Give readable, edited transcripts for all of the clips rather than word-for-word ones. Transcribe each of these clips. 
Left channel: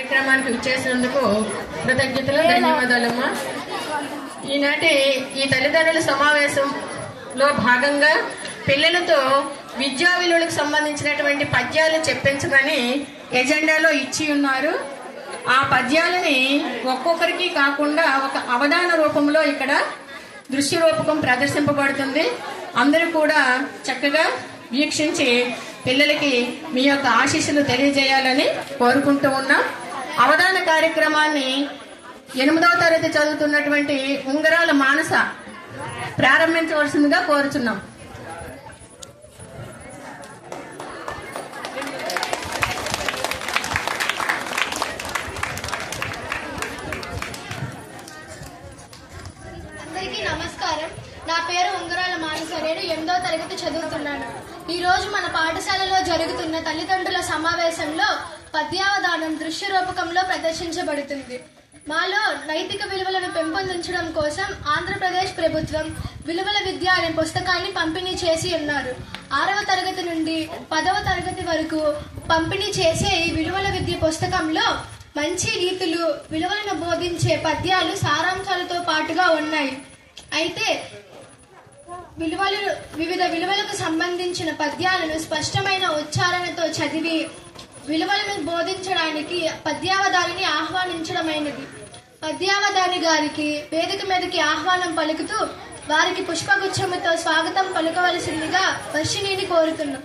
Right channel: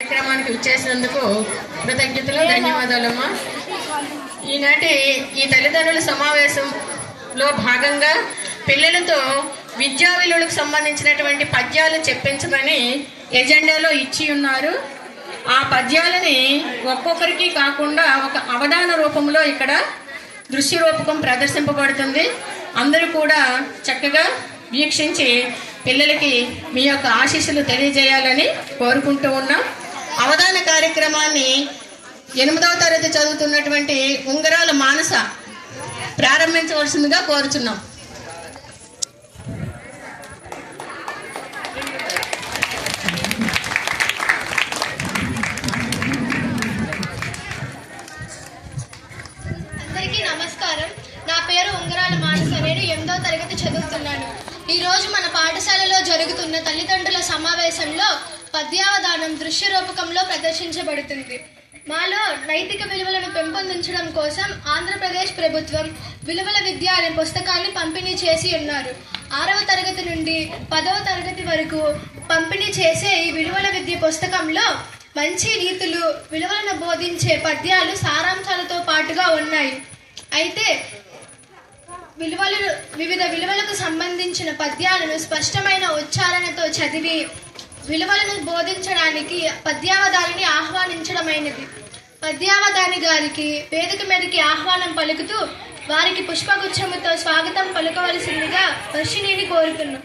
కార్యక్రమానికి విచ్చేసినందుకు కృతజ్ఞతలు, ధన్యవాదాలమ్మా. ఈనాటి ఈ తల్లిదండ్రుల సమావేశంలో భాగంగా పిల్లలతో విద్యా విలువలకు సంబంధించినటువంటి పద్యాలు చెప్పించమని ఎజెండాలో ఇచ్చి ఉన్నారు. ఆ పద్యాలని ఒక్కొక్కరికి కాకుండా ఒక అవధాన రూపంలో ఇక్కడ దృశ్య రూపకం ప్రదర్శింపబడుతుంది. అందరూ కూడా చక్కగా వీక్షించి పిల్లలకి మీ యొక్క ఆశీస్సులు తెలియజేయాలని కోరుకుంటూ ఉన్నాం. అవధాన కార్యక్రమాన్ని 8వ తరగతి చదువుతున్నటువంటి ఉంగరాల మానస ప్రారంభించవలసిందిగా కోరుచున్నాం. అందరికీ నమస్కారం. నా పేరు ఉంగరాల మానస. నేను 8వ తరగతి చదువుతున్నాను. ఈ రోజు మన పాఠశాలలో జరుగుతున్న తల్లిదండ్రుల సమావేశంలో పద్యావధానం దృశ్య రూపకంలో ప్రదర్శించబడుతుంది. మాలో నైతిక విలువలను పెంపొందించడం కోసం ఆంధ్రప్రదేశ్ ప్రభుత్వం విలువల విద్య అనే పుస్తకాన్ని పంపిణీ చేసి ఉన్నారు. 6వ తరగతి నుండి 10వ తరగతి వరకు పంపిణీ చేసే ఈ విలువల విద్య పుస్తకంలో మంచి నీతులు, విలువలను బోధించే పద్యాలు సారాంశాలతో పాటుగా ఉన్నాయి. అయితే వివిధ విలువలకు సంబంధించిన పద్యాలను స్పష్టమైన ఉచ్చారణతో చదివి విలువలను బోధించడానికి పద్యావధానిని ఆహ్వానించడమైనది. పద్యావధాని గారికి వేదిక మీదకి ఆహ్వానం పలుకుతూ వారికి పుష్పగుచ్చముతో స్వాగతం పలుకవలసిందిగా వర్షిణిని కోరుతున్నాం.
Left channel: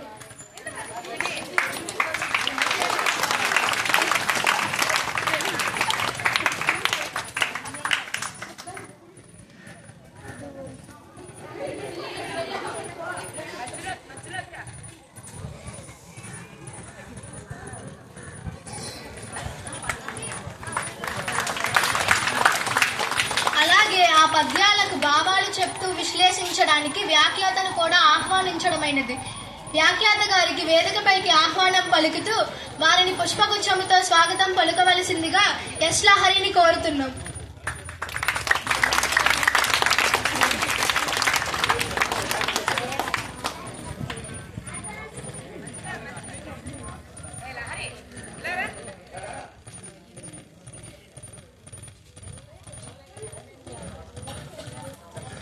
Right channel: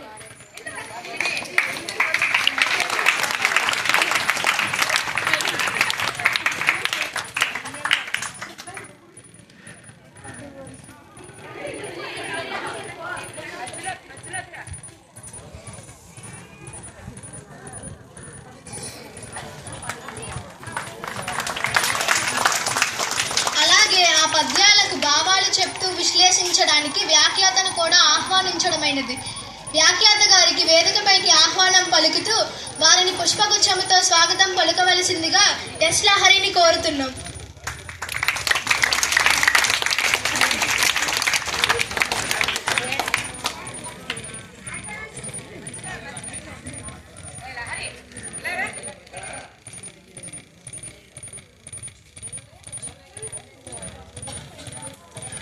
ఆ పద్యాలకు భావాలు చెప్తూ విశ్లేషించడానికి వ్యాఖ్యాతను కూడా ఆహ్వానించడమైనది. వ్యాఖ్యాత గారికి వేదికపైకి ఆహ్వానం పలుకుతూ వారిని పుష్పగుచ్చముతో స్వాగతం పలుకవలసిందిగా ఎస్ లహరిని కోరుతున్నాం.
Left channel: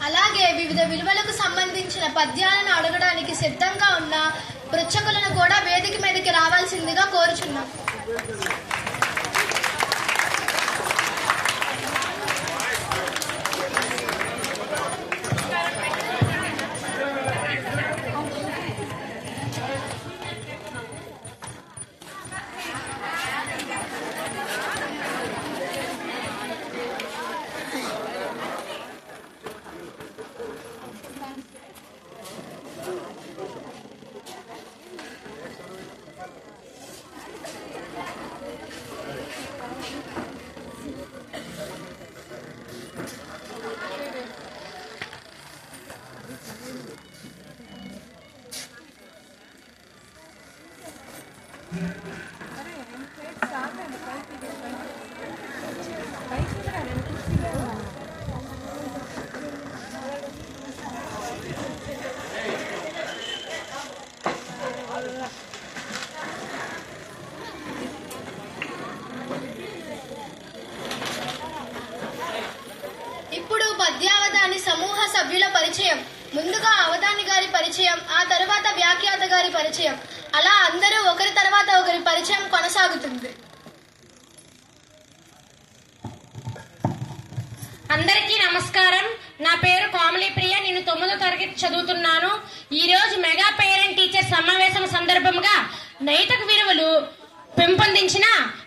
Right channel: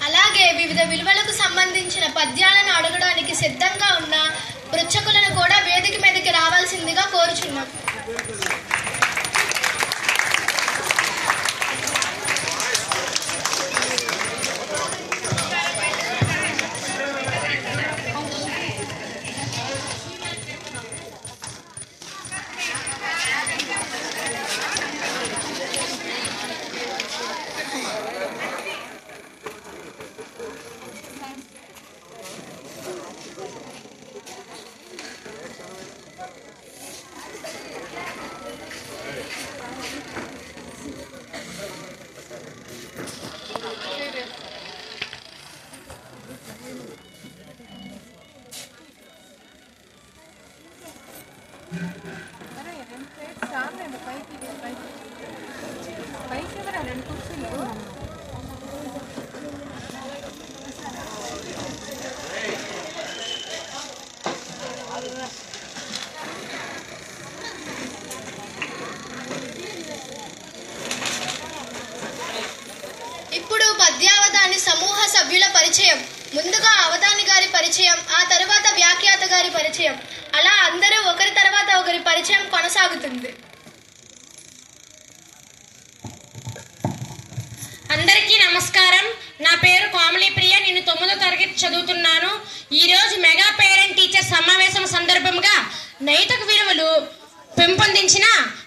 అలాగే వివిధ విలువలకు సంబంధించిన పద్యాలను అడగడానికి సిద్ధంగా ఉన్న పృచ్ఛకులను కూడా వేదిక మీదకి రావాల్సిందిగా కోరుచున్నాం. ఇప్పుడు పద్యావధాని సమూహ సభ్యుల పరిచయం. ముందుగా అవధాని గారి పరిచయం, ఆ తర్వాత వ్యాఖ్యాత గారి పరిచయం, అలా అందరూ ఒకరి తర్వాత ఒకరి పరిచయం కొనసాగుతుంది. అందరికీ నమస్కారం. నా పేరు కోమలి ప్రియ. నేను 9వ తరగతి చదువుతున్నాను. ఈరోజు మెగా పేరెంట్ టీచర్ సమావేశం సందర్భంగా నైతిక విలువలు పెంపొందించిన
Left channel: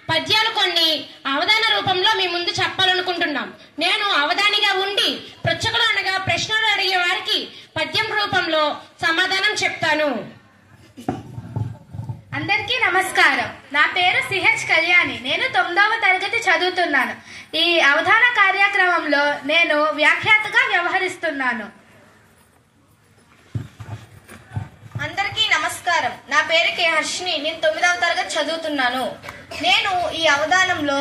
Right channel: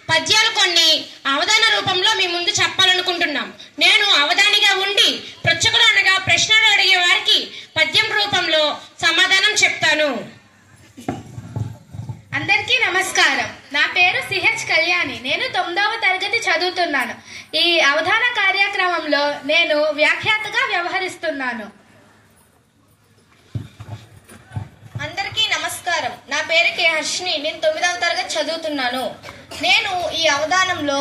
పద్యాలు కొన్ని అవధాన రూపంలో మీ ముందు చెప్పాలనుకుంటున్నాం. నేను అవధానిగా ఉండి పృచ్ఛకులు అనగా ప్రశ్నలు అడిగే వారికి పద్యం రూపంలో సమాధానం చెప్తాను. అందరికీ నమస్కారం. నా పేరు సిహెచ్ కళ్యాణి. నేను 9వ తరగతి చదువుతున్నాను. ఈ అవధాన కార్యక్రమంలో నేను వ్యాఖ్యాతగా వ్యవహరిస్తున్నాను. అందరికీ నమస్కారం. నా పేరు కె హర్షిని. నేను 9వ తరగతి చదువుతున్నాను. నేను ఈ అవధానంలో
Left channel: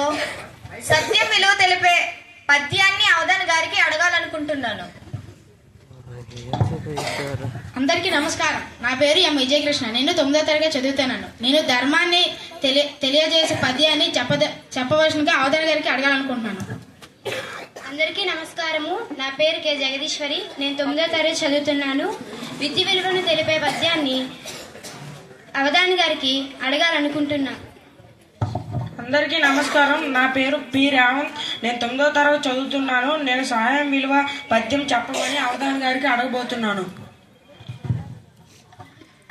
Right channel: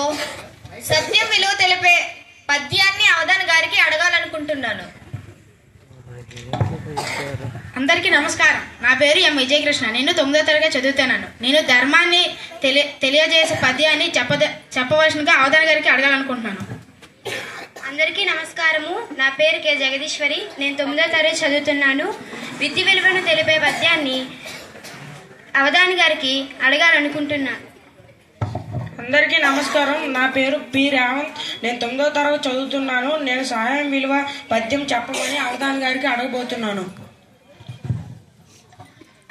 సత్యం విలువ తెలిపే పద్యాన్ని అవధాన గారికి అడగాలనుకుంటున్నాను. అందరికీ నమస్కారం. నా పేరు ఎం విజయకృష్ణ. నేను 9వ తరగతి చదువుతున్నాను. నేను ధర్మాన్ని తెలియజేసే పద్యాన్ని చెప్పవలసిందిగా అవధాని గారికి అడగాలనుకుంటున్నాను. అందరికీ నమస్కారము. నా పేరు కె జగదీశ్వరి. నేను 9వ తరగతి చదువుతున్నాను. విద్య విలువను తెలిపే పద్యాన్ని అవధాని గారికి అడగాలనుకుంటున్నాను. అందరికీ నమస్కారం. నా పేరు పి రేవంత్. నేను 9వ తరగతి చదువుతున్నాను. నేను సహాయం విలువ పద్యం చెప్పమని అవధాని గారికి అడగబోతున్నాను.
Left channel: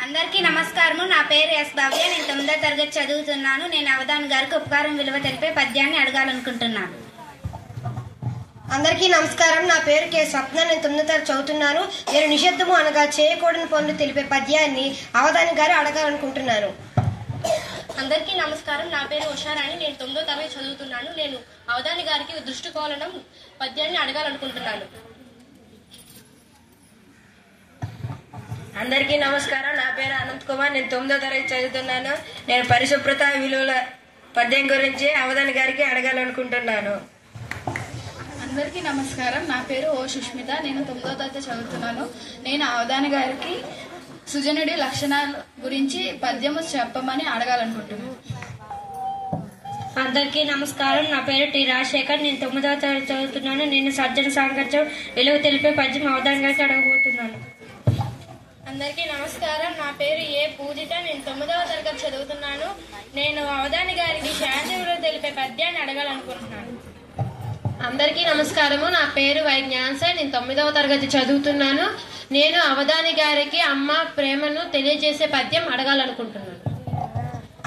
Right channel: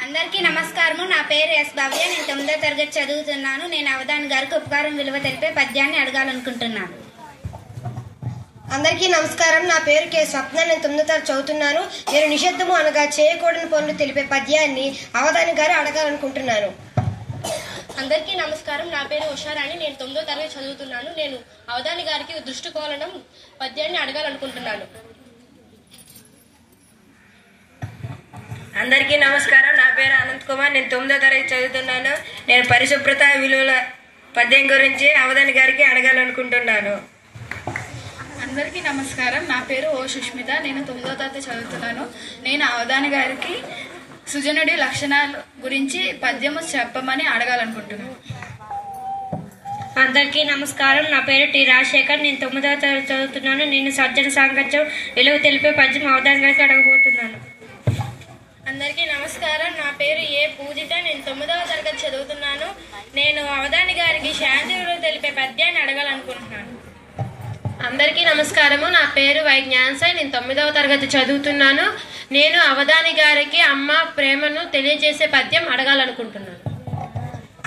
అందరికీ నమస్కారము. నా పేరు ఎస్ భవ్య. నేను 9వ తరగతి చదువుతున్నాను. నేను అవధాని గారికి ఉపకారం విలువ తెలిపే పద్యాన్ని అడగాలనుకుంటున్నాను. అందరికీ నమస్కారం. నా పేరు కె స్వప్న. నేను 9వ తరగతి చదువుతున్నాను. నేను నిషేధము అనగా చేయకూడని పనులు తెలిపే పద్యాన్ని అవధాని గారు అడగాలనుకుంటున్నాను. అందరికీ నమస్కారం. నా పేరు ఉషారాణి. నేను 9వ తరగతి చదువుతున్నాను. నేను అవధాని గారికి దృష్టికోణం పద్యాన్ని అడగాలనుకుంటున్నాను. అందరికీ నమస్కారం. నా పేరు అనంత్ కుమార్. నేను 9వ తరగతి చదువుతున్నాను. నేను పరిశుభ్రత విలువల పద్యం గురించి అవధాని గారికి అడగాలనుకుంటున్నాను. అందరికీ నమస్కారం. నా పేరు ఓ సుష్మిత. నేను 9వ తరగతి చదువుతున్నాను. నేను అవధాని గారికి సుజనుడి లక్షణాల గురించి పద్యము చెప్పమని అడగాలనుకుంటున్నాను. అందరికీ నమస్కారం. నా పేరు టి రాజశేఖర్. నేను 9వ తరగతి చదువుతున్నాను. నేను సజ్జన సాంగత్యం విలువ తెలిపే పద్యం అవధాని గారికి అడగబోతున్నాను. అందరికీ నమస్కారం. నా పేరు ఏ పూజిత. నేను 9వ తరగతి చదువుతున్నాను. నేను అవధాని గారికి శాంతి విలువ తెలిపే పద్యాన్ని అడగాలనుకుంటున్నాను. అందరికీ నమస్కారము. నా పేరు వై జ్ఞానసాయి. నేను 9వ తరగతి చదువుతున్నాను. నేను అవధాని గారికి అమ్మ ప్రేమను తెలియజేసే పద్యం అడగాలనుకుంటున్నాను.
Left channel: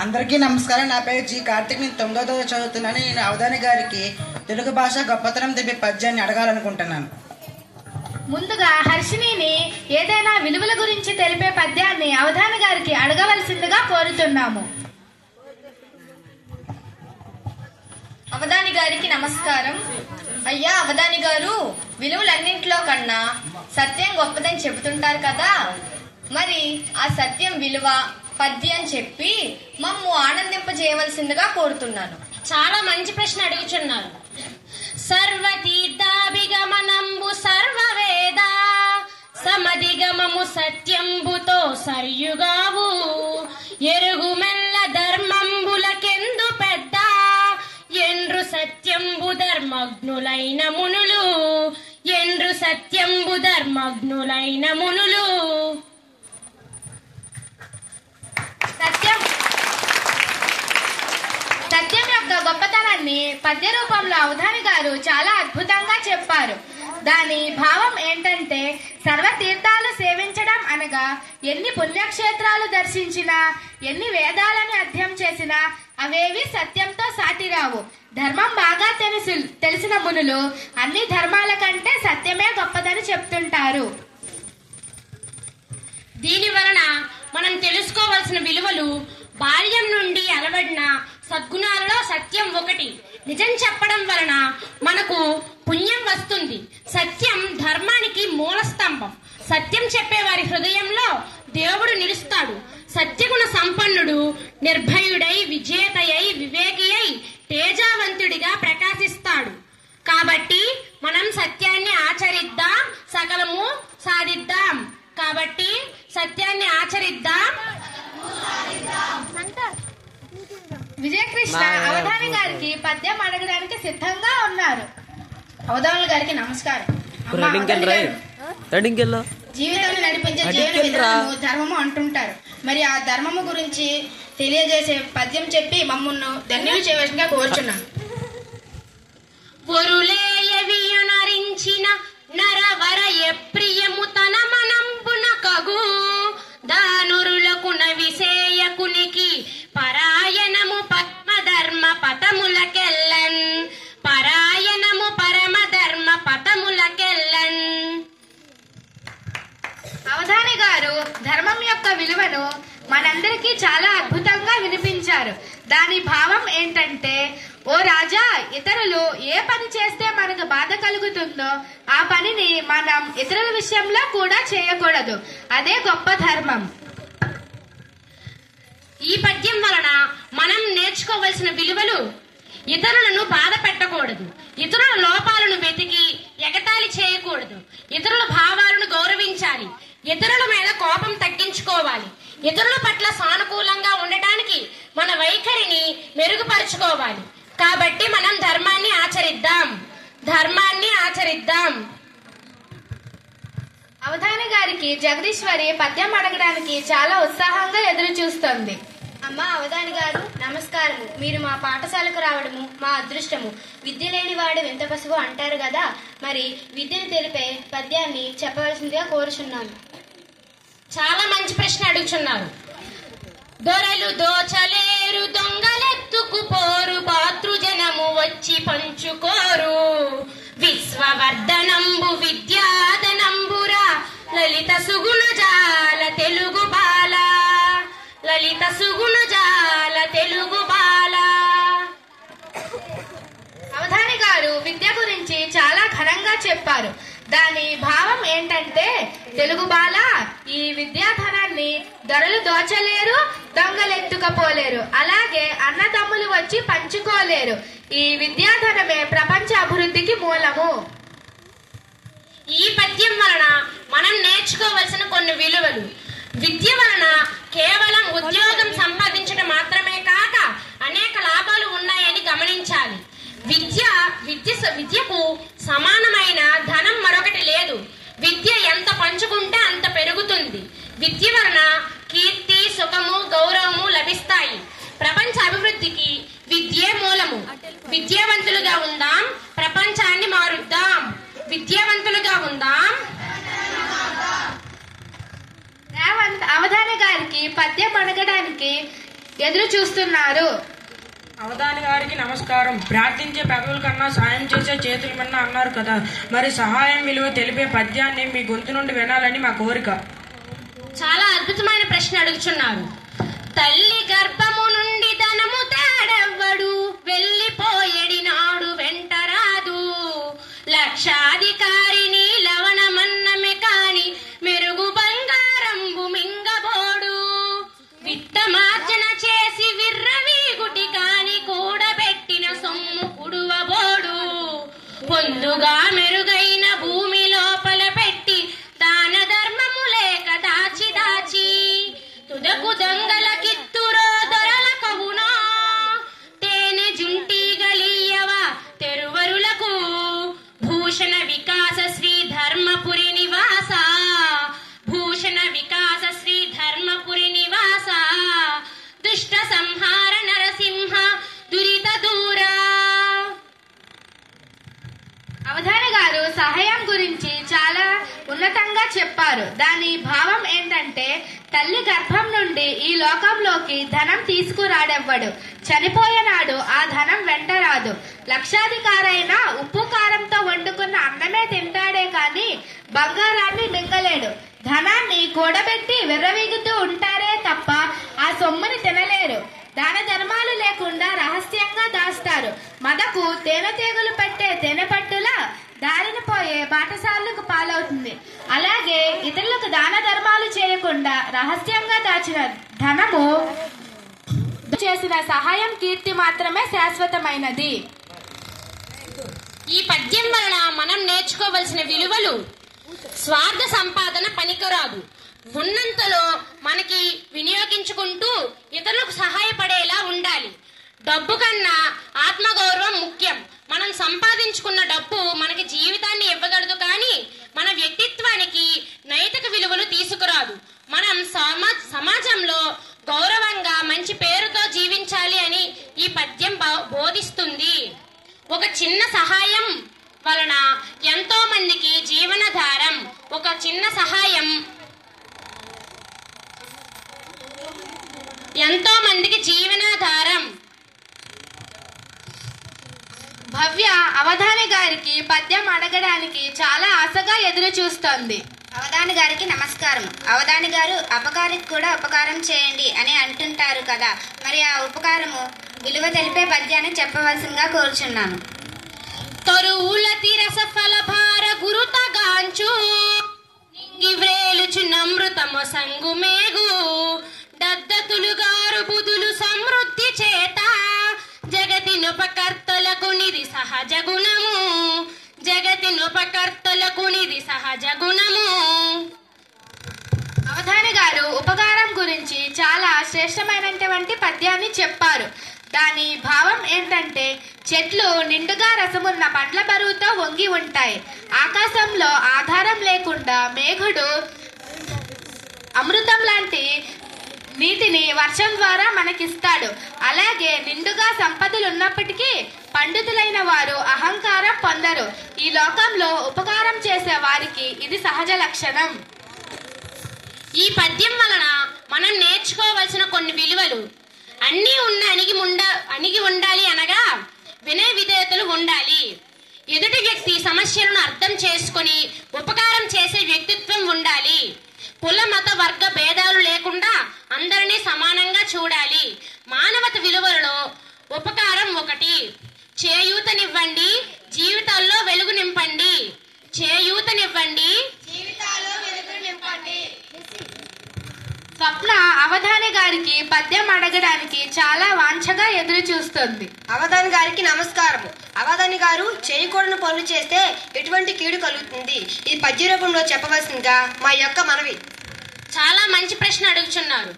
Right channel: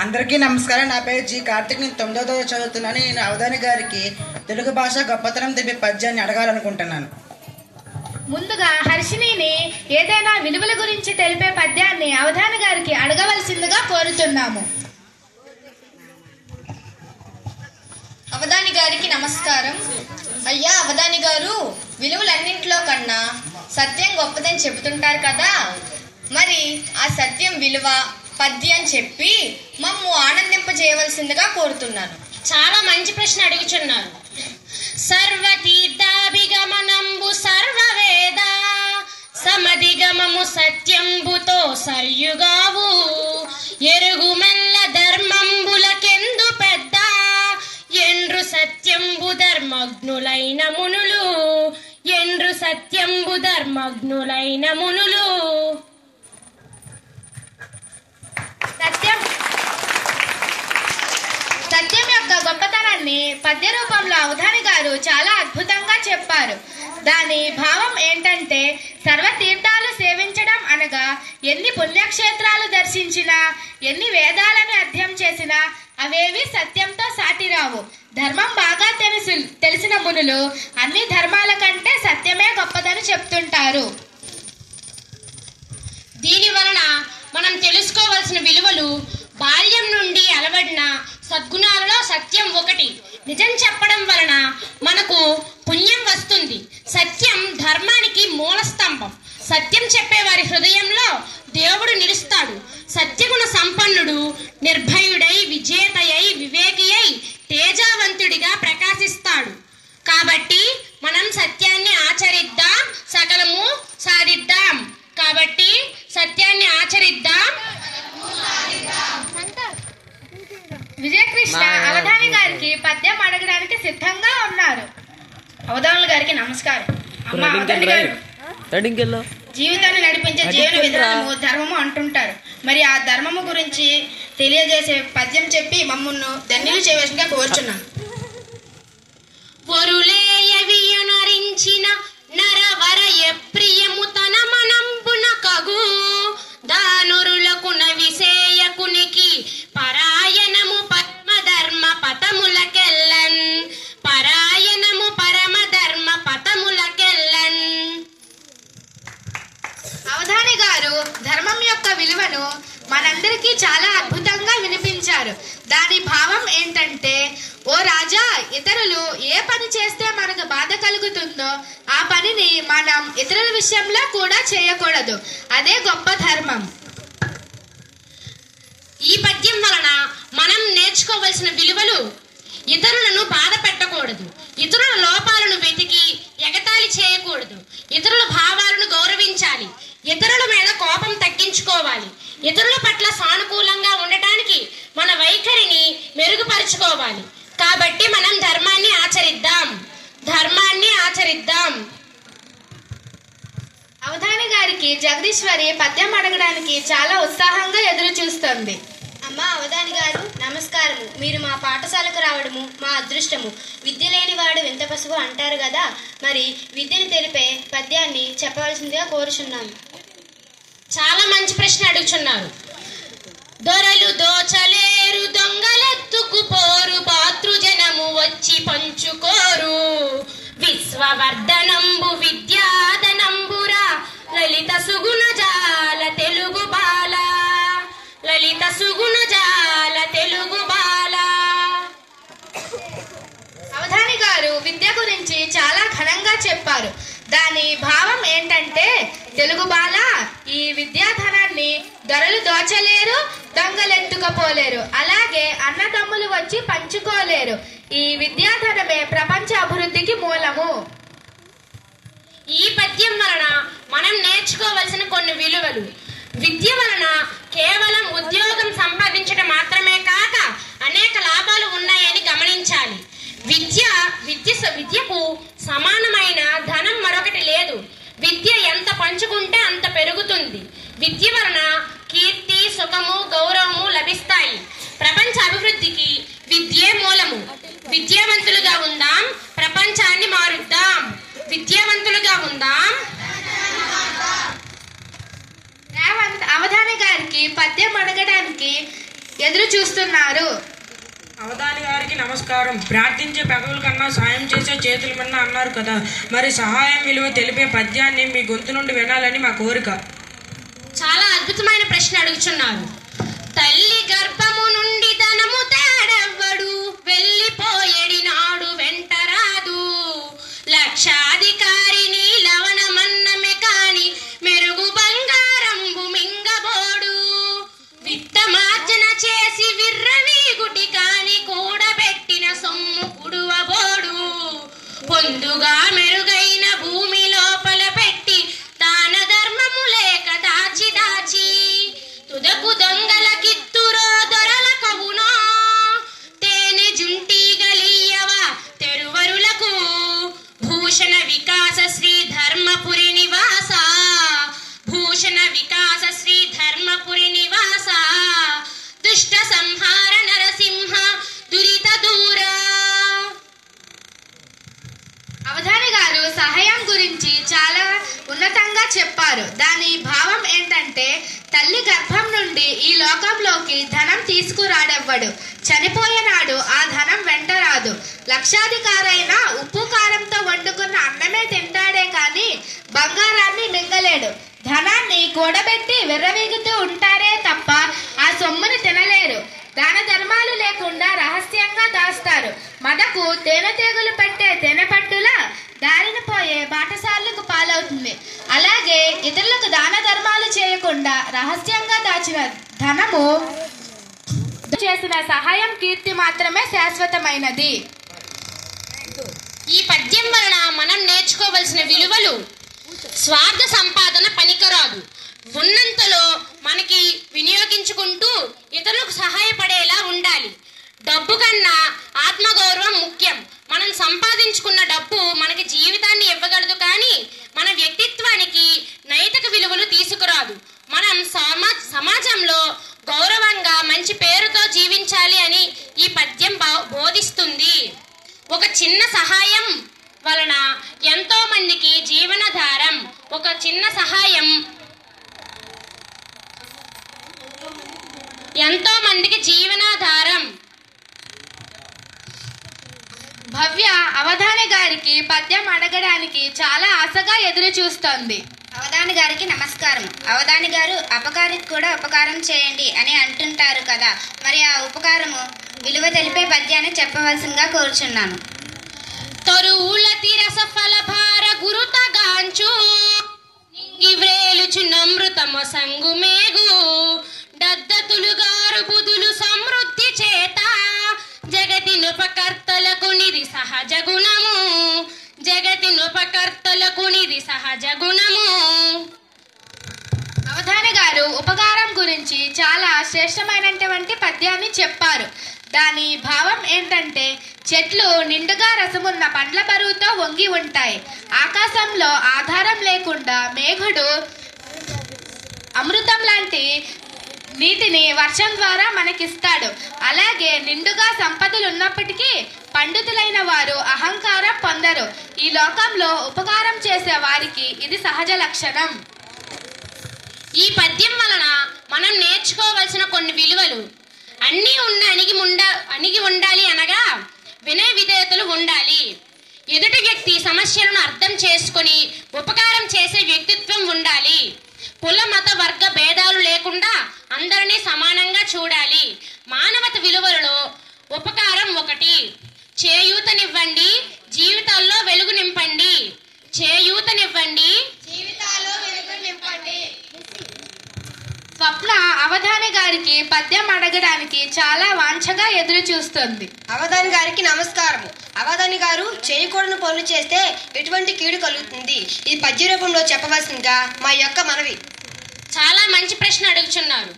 అందరికీ నమస్కారం. నా పేరు జి కార్తిక్. నేను 9వ తరగతి చదువుతున్నాను. నేను అవధాని గారికి తెలుగు భాష గొప్పతనం తెలిపే పద్యాన్ని అడగాలనుకుంటున్నాను. ముందుగా హర్షిణిని ఏదైనా విలువల గురించి తెలిపే పద్యాన్ని అవధాని గారికి అడగవలసిందిగా కోరుతున్నాము. అవధాని గారికి నమస్కారం. అయ్యా అవధాని గారు, విలువలన్నింటిలో కన్నా సత్యం గొప్పదని చెబుతుంటారు కదా, మరి ఆ సత్యం విలువ పద్యం చెప్పి మమ్ము ఆనందింపజేయవలసిందిగా కోరుతున్నాను. చాలా మంచి ప్రశ్న అడుగుచున్నారు. సర్వతీర్థాభిగమనంబు సర్వవేద సమధిగమము సత్యంబుతో సర్యుగావు ఎరుగుమెల్ల ధర్మంబులకెందు పెద్ద ఎండ్రు సత్యంబు ధర్మజ్ఞులైన మునులు ఎండ్రు సత్యంబు ధర్మజ్ఞులైన మునులు. సత్యం యొక్క గొప్పతనాన్ని పద్య రూపంలో అవధాని గారు చాలా అద్భుతంగా చెప్పారు. దాని భావం ఏంటంటే, సర్వతీర్థాలు సేవించడం అనగా ఎన్ని పుణ్యక్షేత్రాలు దర్శించినా ఎన్ని వేదాలను అధ్యయనం చేసినా అవేవి సత్యంతో సాటిరావు. ధర్మం బాగా తెలిసిన మునులు అన్ని ధర్మాల కంటే సత్యమే గొప్పదని చెప్తుంటారు. దీని వలన మనం తెలుసుకోవలసిన విలువలు బాల్యం నుండి అలవడిన సద్గుణాలలో సత్యం ఒకటి. నిజం చెప్పడం వలన మనకు పుణ్యం వస్తుంది. సత్యం ధర్మానికి మూల స్తంభం. సత్యం చెప్పేవారి హృదయంలో దేవుడు నిలుస్తాడు. సత్యగుణ సంపన్నుడు నిర్భయుడై విజేతయై వివేకియై తేజావంతుడిగా ప్రకాశిస్తాడు. కాబట్టి మనం సత్యాన్ని ఆచరిద్దాం, సకలము సాధిద్దాం. కాబట్టి సత్యాన్ని ఆచరిద్దాం. విజయకృష్ణ అవధాని గారికి పద్యం అడగడానికి సిద్ధంగా ఉన్నారు. అవధానుల గారికి నమస్కారం. జీవితాన్ని నడిపించే జీవన విధానము ధర్మము అంటుంటారు. మరి ఆ ధర్మము గురించి తెలియజేసే పద్యం చెప్పి మమ్మల్ని ధన్యులు చేయవలసిందిగా కోరుచున్నాను. పొరులేయవియునరించిన నరవర ఎప్రియము తన మనంబున కగు దానురులకున విసేయకునికి పరాయణము పరమధర్మ పతములకెల్లన్ పరాయణము పరమధర్మ పతములకెల్లన్. అవధాని గారు ధర్మం యొక్క విలువను మనందరికీ చాలా అద్భుతంగా వినిపించారు. దాని భావం ఏంటంటే, ఓ రాజా, ఇతరులు ఏ పని చేస్తే మనకు బాధ కలుగుతుందో ఆ పనిని మనం ఇతరుల విషయంలో కూడా చేయకూడదు. అదే గొప్ప ధర్మం. ఈ పద్యం వలన మనం నేర్చుకోవలసిన విలువలు ఇతరులను బాధ పెట్టకూడదు. ఇతరుల లోపాలను వెతికి ఎగతాళి చేయకూడదు. ఇతరుల భావాలను గౌరవించాలి. ఇతరుల మీద కోపం తగ్గించుకోవాలి. ఇతరుల పట్ల సానుకూలంగా ఉండటానికి మన వైఖరిని మెరుగుపరుచుకోవాలి. కాబట్టి మనం ధర్మాన్ని ఆచరిద్దాం. అవధాని గారికి జగదీశ్వరి పద్యం అడగడానికి చాలా ఉత్సాహంగా ఎదురు చూస్తోంది. అమ్మ అవధాని గారు నమస్కారము. మీరు మా పాఠశాలకు రావడము మా అదృష్టము. విద్య లేని వాడు వింత పశువు అంటారు కదా, మరి విద్యను తెలిపే పద్యాన్ని చెప్పవలసిందిగా కోరుచున్నాను. చాలా మంచి ప్రశ్న అడుగుచున్నారు. దొరలు దోచలేరు, దొంగలెత్తుకు పోరు, పాతృజనము వచ్చి పంచుకోరు. విశ్వవర్ధనంబు విద్యాధనంబురా, లలిత సుగుణ జాల తెలుగు బాల, లలిత సుగుణ జాల తెలుగు బాల. అవధాని గారు విద్య గురించి చాలా ఘనంగా చెప్పారు. దాని భావం ఏంటంటే, తెలుగు బాల, ఈ విద్యాధనాన్ని దొరలు దోచలేరు, దొంగలెత్తుకపోలేరు, అలాగే అన్నదమ్ములు వచ్చి పంచుకోలేరు. ఈ విద్యాధనమే ప్రపంచ అభివృద్ధికి మూలము. ఈ పద్యం వలన మనం నేర్చుకోవలసిన కొన్ని విలువలు. విద్య వలన కేవలం ఉద్యోగం సంపాదించడం మాత్రమే కాక అనేక లాభాలు ఉన్నాయని గమనించాలి. విద్యకు సమానమైన ధనం మరొకటి లేదు. విద్య ఎంత పంచుకుంటే అంత పెరుగుతుంది. విద్య వలన కీర్తి, సుఖము, గౌరవము లభిస్తాయి. ప్రపంచ అభివృద్ధికి విద్యే మూలము. విద్యావంతులుగా ఉందాం, ప్రపంచాన్ని మారుద్దాం. విద్యావంతులుగా ఉందాం. అవధాని గారికి పద్యం అడగడానికి ఎదురు చూస్తున్నారు. అవధాని గారికి నమస్కారం. ప్రార్థించే పెదవుల కన్నా సాయం చేసే చేతుల కన్నా అన్నారు కదా, మరి సహాయం విలువ తెలిపే పద్యాన్ని మీ గొంతు నుండి వినాలని మా కోరిక. చాలా అద్భుతమైన ప్రశ్న అడుగుచున్నారు. తల్లి గర్భము నుండి ధనము తేడెవ్వడు, వెళ్ళిపోయేడి నాడు వెంటరాదు. లక్షాధికారిని లవణమన్నమే కాని, మెరుగు బంగారంబు మింగబోడు. విత్తమార్జన చేసి విర్రవీగుటి కాని, కూడబెట్టిన సొమ్ము కుడువబోడు. పొందుగా మెరుగైన భూమి లోపల పెట్టి, దాన ధర్మము లేక దాచి దాచి, తుదకు దొంగల కిత్తురో దొరల కవునో. తేనె జుంటీగలియవా తెరువరులకు, భూషణ వికాస శ్రీ ధర్మపురి నివాస, భూషణ వికాస శ్రీ ధర్మపురి నివాస. దుష్ట సంహార నరసింహ దురిత దూరా. అవధాని గారు సహాయం గురించి చాలా ఉన్నతంగా చెప్పారు. దాని భావం ఏంటంటే, తల్లి గర్భం నుండి ఈ లోకంలోకి ధనం తీసుకురాడెవ్వడు. చనిపోయేనాడు ఆ ధనం వెంట రాదు. లక్షాధికారైన ఉప్పు కారంతో వండుకున్న అన్నమే తింటాడే కాని బంగారాన్ని మింగలేడు. ధనాన్ని కూడబెట్టి విర్రవీగుతూ ఉంటారే తప్ప ఆ సొమ్ముని తినలేరు. దాన ధర్మాలు లేకుండా రహస్యంగా దాస్తారు. మనకు తేనెటీగలు పెట్టే తేనెపట్టులా దారిన పోయే బాటసార్లకు పాలవుతుంది. అలాగే ఇతరులకు దాన ధర్మాలు చేయకుండా రహస్యంగా దాచిన ధనము చేసిన సహాయం, కీర్తి మాత్రమే శాశ్వతమైనది. ఈ పద్యం వలన మనం నేర్చుకోవలసిన విలువలు: స్వార్థ సంపాదన పనికిరాదు. ఉన్నంతలో మనకి వినియోగించుకుంటూ ఇతరులకు సహాయపడేలా ఉండాలి. డబ్బు కన్నా ఆత్మగౌరవం ముఖ్యం. మనం సంపాదించుకున్న డబ్బు మనకి జీవితాన్ని ఇవ్వగలదు, కానీ మన వ్యక్తిత్వానికి నైతిక విలువలు తీసుకురాదు. మనం సమాజంలో గౌరవంగా మంచి పేరుతో జీవించాలి అని ఈ పద్యం బోధిస్తుంది. ఒక చిన్న సహాయం వలన ఎంతో మందికి జీవనాధారం. ఒక చిన్న సహాయం ఎంతో మందికి జీవనాధారం. భవ్య అవధాని గారికి పద్యం అడగడానికి చాలా ఆశగా ఎదురు చూస్తోంది. అవధాని గారికి నమస్కారం. అవధాని గారు అపకారికి కూడా ఉపకారం చేయండి అని అంటుంటారు కదా, మరి ఆ ఉపకారము విలువ తెలిపే పద్యాన్ని చెప్పవలసిందిగా కోరుచున్నాను. తరువుల తిరస ఫల భార గురుతగాంచు, నివ్రేలుచు నమృతమ సంగు మేగు, దద్దతులు గారు బుధులు సమృద్ధి చేత, జగతి జగతినుపకర్తలకు నిధి సహజ గుణము, జగతినుపకర్తలకు నిధి సహజ గుణము. అవధాని గారు ఉపకారం గురించి చాలా శ్రేష్టమైనటువంటి పద్యాన్ని చెప్పారు. దాని భావం ఏంటంటే, చెట్లు నిండుగా రసమున్న పండ్ల బరువుతో వంగి ఉంటాయి. ఆకాశంలో ఆధారం లేకుండా మేఘుడు అమృతం లాంటి నీటిని వర్షం ద్వారా మనకిస్తాడు. అలాగే నిండుగా సంపదలు ఉన్నప్పటికీ పండితులైన వారు అహంకారం పొందరు. ఈ లోకంలో ఉపకారం చేసే వారికి ఇది సహజ లక్షణం. ఈ పద్యం వలన మనం నేర్చుకోవలసిన కొన్ని విలువలు అన్నీ అణిగి ఉండాలి అనగా వినయ విధేయతలు ఉండాలి. ఎదుటి వ్యక్తి సమస్యలను అర్థం చేసుకొని ఉపకారం చేసే వ్యక్తిత్వం ఉండాలి. కుల మత వర్గ భేదాలు లేకుండా అందరినీ సమానంగా చూడాలి. మానవత విలువలలో ఉపకారం ఒకటి. చేయూతనివ్వండి, జీవితాల్లో వెలుగు నింపండి. చేయూతనివ్వండి, జీవితాల్లో వెలుగు నింపండి. స్వప్న అవధాని గారికి పద్యం అడగడానికి చాలా వాంఛగా ఎదురు చూస్తుంది. అవధాని గారికి నమస్కారం. అవధాని గారు చేయకూడని పనులు చేస్తే ఎటువంటి కీడు కలుగుతుంది, ఈ పద్య రూపంలో చెప్పవలసిందిగా మా యొక్క మనవి. చాలా మంచి ప్రశ్న అడుగుచున్నారు.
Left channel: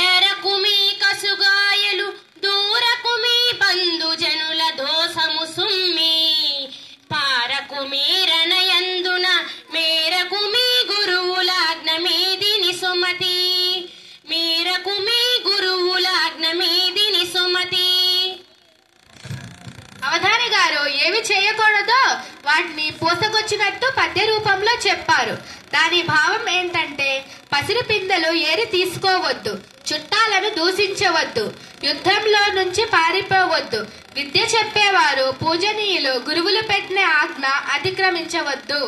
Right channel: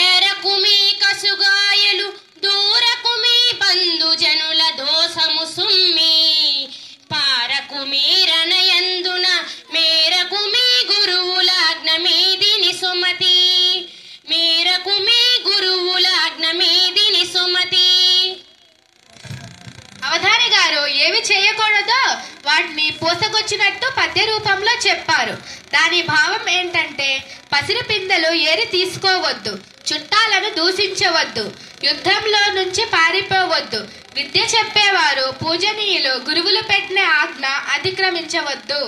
ఏరకు మీ కసుగాయలు, దూరకు మీ బంధుజనుల దోషము సుమ్మి, పారకు మీరనయందున మేరకు మీ గురువులాజ్ఞ మీదిని సుమతి, మేరకు మీ గురువులాజ్ఞ మీదిని సుమతి. అవధాని గారు ఏవి చేయకూడదో వాటిని పూసకొచ్చినట్టు పద్య రూపంలో చెప్పారు. దాని భావం ఏంటంటే, పసిరి పిందెలు ఏరి తీసుకోవద్దు, చుట్టాలను దూషించవద్దు, యుద్ధంలో నుంచి పారిపోవద్దు, విద్య చెప్పేవారు పూజనీయులు గురువులు పెట్టిన ఆజ్ఞ అతిక్రమించవద్దు.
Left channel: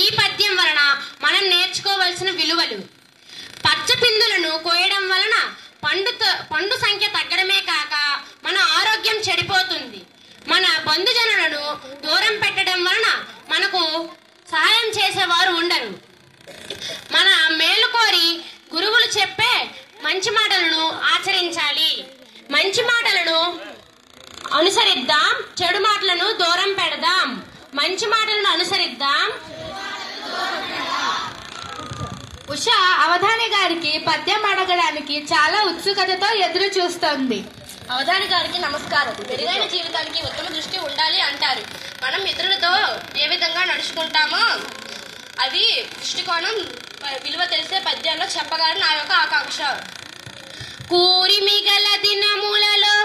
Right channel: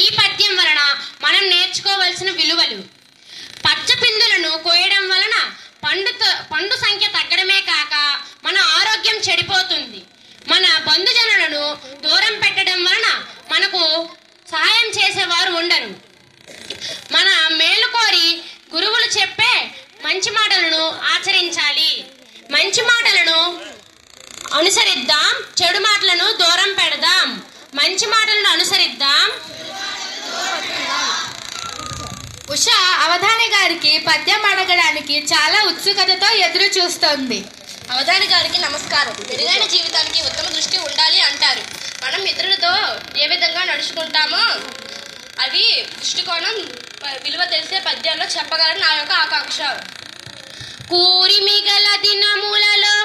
ఈ పద్యం వలన మనం నేర్చుకోవలసిన విలువలు: పచ్చపిందులను కోయడం వలన పండు సంఖ్య తగ్గడమే కాక మన ఆరోగ్యం చెడిపోతుంది. మన బంధుజనులను దూరం పెట్టడం వలన మనకు సహాయం చేసేవారు ఉండరు. మన మేలు కోరి గురువులు చెప్పే మంచి మాటలను ఆచరించాలి. మంచి మాటలను అనుసరిద్దాం, చెడు మాటలను దూరం పెడదాం. మంచి మాటలను అనుసరిద్దాం. ఉష అవధాని గారికి పద్యం అడగడానికి చాలా ఉత్సుకతతో ఎదురు చూస్తోంది. అవధాని గారికి నమస్కారం. మెరుగైన జీవితానికి ఉత్తమ దృష్టి ఉండాలి అంటారు. మనం ఇతరులతో ఏ విధంగా నడుచుకుంటామో అది దృష్టికోణం విలువ తెలిసే పద్యాల్లో చెప్పగలని నా యొక్క ఆకాంక్ష. కూరి మిగల దినములలో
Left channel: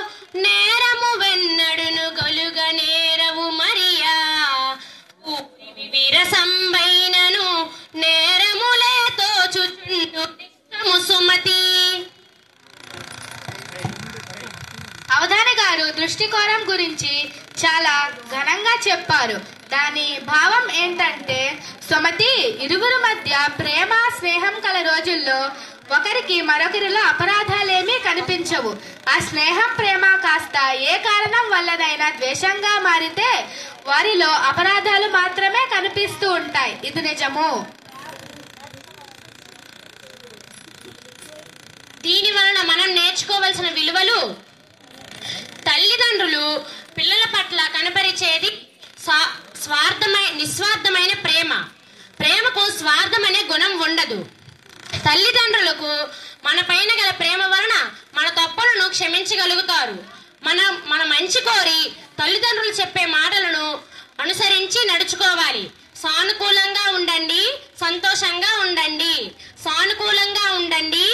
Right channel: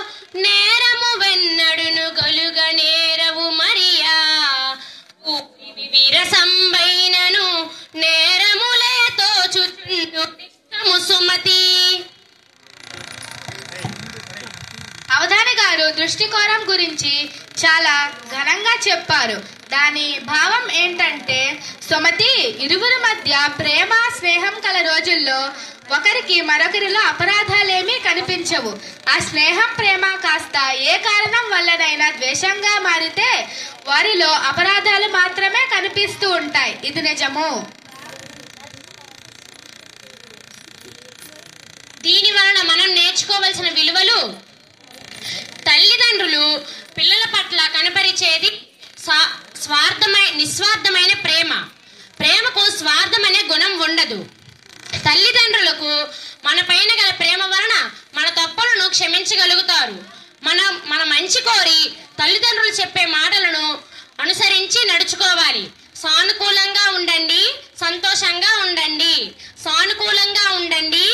నేరము వెన్నడును గలుగ నేరవు మరియా, విరసంబైనను నేరములే తోచుము సుమతి. అవధాని గారు దృష్టికోణం గురించి చాలా ఘనంగా చెప్పారు. దాని భావం ఏంటంటే, సుమతి, ఇరువురి మధ్య ప్రేమ స్నేహం కల రోజుల్లో ఒకరికి మరొకరిలో అపరాధాలేమీ కనిపించవు. ఆ స్నేహం ప్రేమ కాస్త ఏ కారణం వల్లనైనా ద్వేషంగా మారితే వారిలో అపరాధాలు మాత్రమే కనిపిస్తూ ఉంటాయి. ఇది నిజము. దీని వలన మనం నేర్చుకోవలసిన విలువలు: తల్లిదండ్రులు పిల్లల పట్ల కనపరిచేది నిస్వార్థమైన ప్రేమ. ప్రేమకు స్వార్థం అనే గుణం ఉండదు. తల్లిదండ్రులకు మన పైన గల ప్రేమ వలన మన తప్పులను క్షమించగలుగుతారు. మన మంచి కోరి తల్లిదండ్రులు చెప్పే మాటలను అనుసరించి నడుచుకోవాలి. సానుకూలంగా ఉండండి, సంతోషంగా ఉండండి. సానుకూలంగా ఉండండి.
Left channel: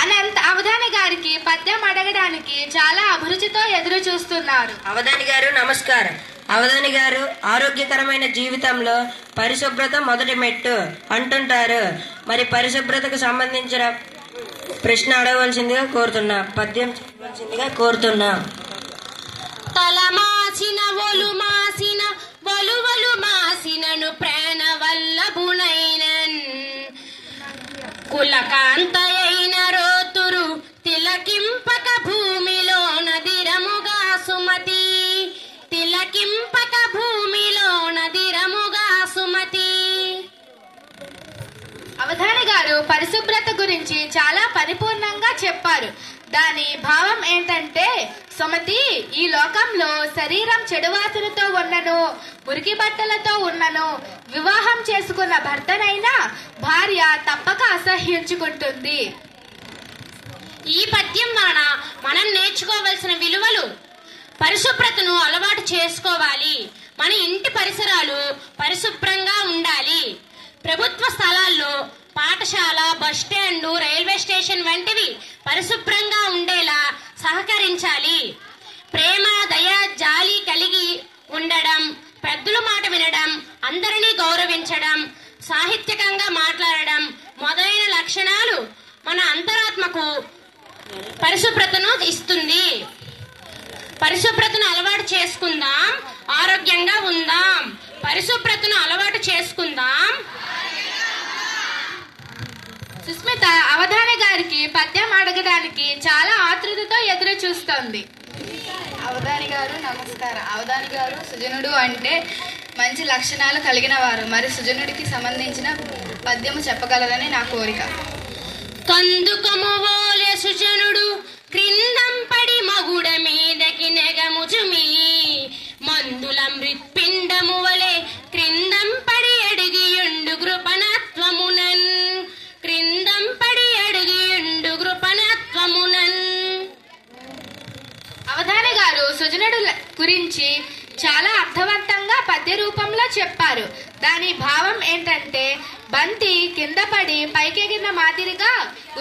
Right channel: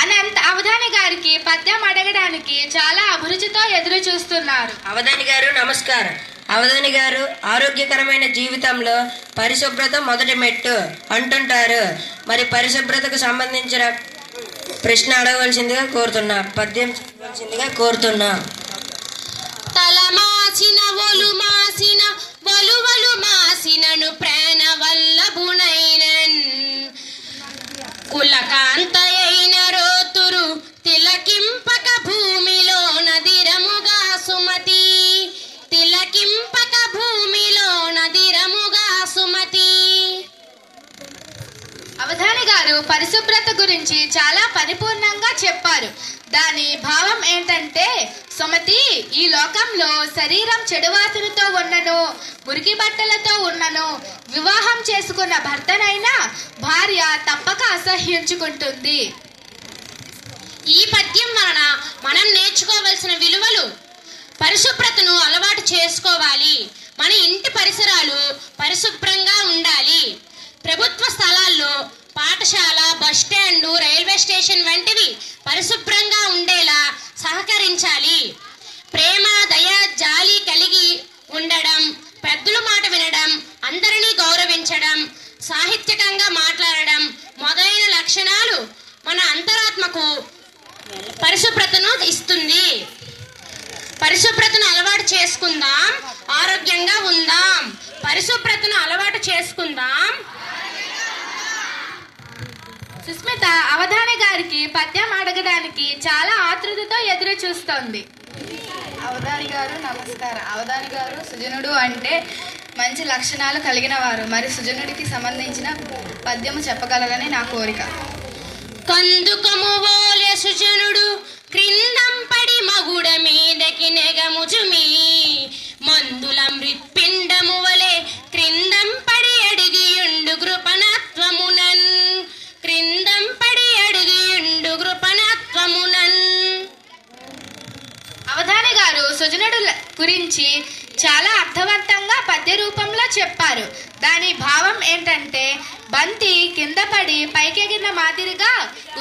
అనంత్ అవధాని గారికి పద్యం అడగడానికి చాలా అభిరుచితో ఎదురు చూస్తున్నారు. అవధాని గారు నమస్కారం. అవధాని గారు, ఆరోగ్యకరమైన జీవితంలో పరిశుభ్రత మొదటి మెట్టు అంటుంటారు. మరి పరిశుభ్రతకు సంబంధించిన ప్రశ్న అడగవలసిందిగా కోరుతున్నా, పద్యం చెప్పవలసిందిగా కోరుతున్నా. తల మాసిన ఒలు మాసిన వలువలు మాసినను ప్రాణ వల్లభునైనన్, కులకాంతయైన రోతురు తిలకింపక భూమిలో నదిరముగా సుమతి, తిలకింపక భూమిలో నదిరముగా సుమతి. అవధాని గారు పరిశుభ్రత గురించి చాలా పరిపూర్ణంగా చెప్పారు. దాని భావం ఏంటంటే, సుమతి, ఈ లోకంలో శరీరం చెడువాసనతో ఉన్నను, మురికి బట్టలతో ఉన్నను, వివాహం చేసుకున్న భర్తనైనా భార్య తప్పక అసహ్యించుకుంటుంది. ఈ పద్యం వలన మనం నేర్చుకోవలసిన విలువలు: పరిశుభ్రతను అలవాటు చేసుకోవాలి, మన ఇంటి పరిసరాలు పరిశుభ్రంగా ఉండాలి, ప్రభుత్వ స్థలాల్లో పాఠశాల, బస్టాండు, రైల్వే స్టేషన్ వంటివి పరిశుభ్రంగా ఉండేలా సహకరించాలి, ప్రేమ, దయ, జాలి కలిగి ఉండడం, పెద్దల మాట వినడం, అందరినీ గౌరవించడం, సాహిత్యకంగా మాట్లాడడం మొదలైన లక్షణాలు మన అంతరాత్మకు పరిశుభ్రతను ఇస్తుంది. పరిశుభ్రతను అలవాటు చేసుకుందాం, ఆరోగ్యంగా ఉందాం. పరిశుభ్రతను అలవాటు చేసుకుందాం. సుస్మిత అవధాని గారికి పద్యం అడగడానికి చాలా ఆతృతతో ఎదురు చూస్తోంది. అవధాని గారు నమస్కారం. అవధాని గారు సుజనుడు అంటే మంచి లక్షణాలు కలిగిన వారు. మరి సుజనుడికి సంబంధించిన పద్యము చెప్పగలరని నా కోరిక. కందుకము ఓలే సుజనుడు క్రిందంపడి మగుడ మీదకి నెగముజుమి, మందుల మృత్పిండము వలె క్రిందంపడి అడిగియుండు కృపణత్వమునన్, క్రిందంపడి అడిగియుండు కృపణత్వమునన్. అవధాని గారు సుజనుడు గురించి చాలా అర్థవంతంగా పద్య రూపంలో చెప్పారు. దాని భావం ఏంటంటే, బంతి కింద పడి పైకెగిన మాదిరిగా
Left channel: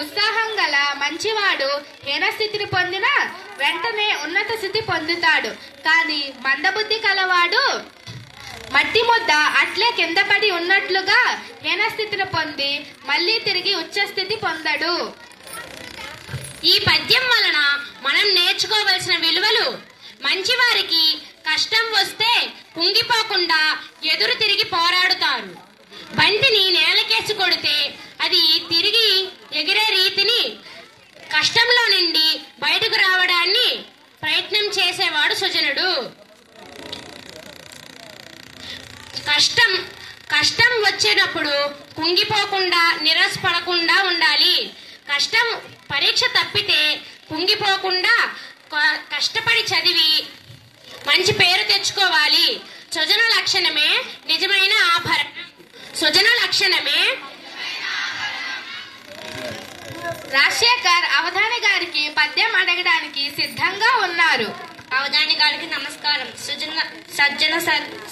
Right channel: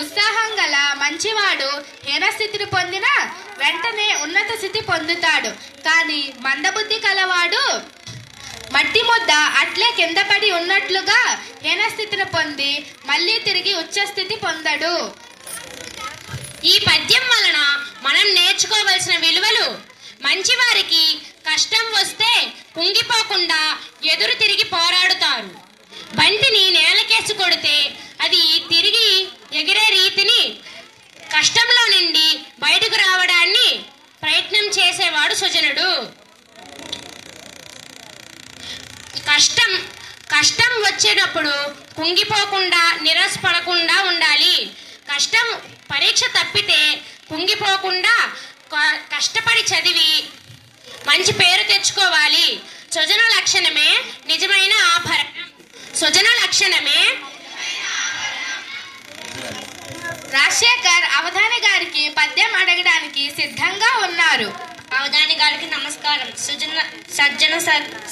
ఉత్సాహం గల మంచివాడు హీనస్థితిని పొందిన వెంటనే ఉన్నత స్థితి పొందుతాడు. కానీ మందబుద్ధి కలవాడు మట్టి ముద్ద అట్లే కింద పడి ఉన్నట్లుగా హీనస్థితిని పొంది మళ్ళీ తిరిగి ఉచ్చస్థితి పొందడు. ఈ పద్యం వలన మనం నేర్చుకోవలసిన విలువలు: మంచివారికి కష్టం వస్తే కుంగిపోకుండా ఎదురు తిరిగి పోరాడుతారు. బంతిని నేలకేసి కొడితే అది తిరిగి ఎగిరే రీతిని, కష్టంలో నుండి బయటకు రావడాన్ని ప్రయత్నం చేసేవాడు సుజనుడు. కష్టం వచ్చేటప్పుడు కుంగిపోకుండా, నిరాశపడకుండా ఉండాలి. కష్టం పరీక్ష తప్పితే కుంగిపోకుండా కష్టపడి చదివి మంచి పేరు తెచ్చుకోవాలి. సుజన లక్షణమే నిజమైన ఆభరణం. సుజన లక్షణమే. రాజశేఖర్ అవధాని గారికి పద్యం అడగడానికి సిద్ధంగా ఉన్నారు. అవధాని గారికి నమస్కారం. సజ్జన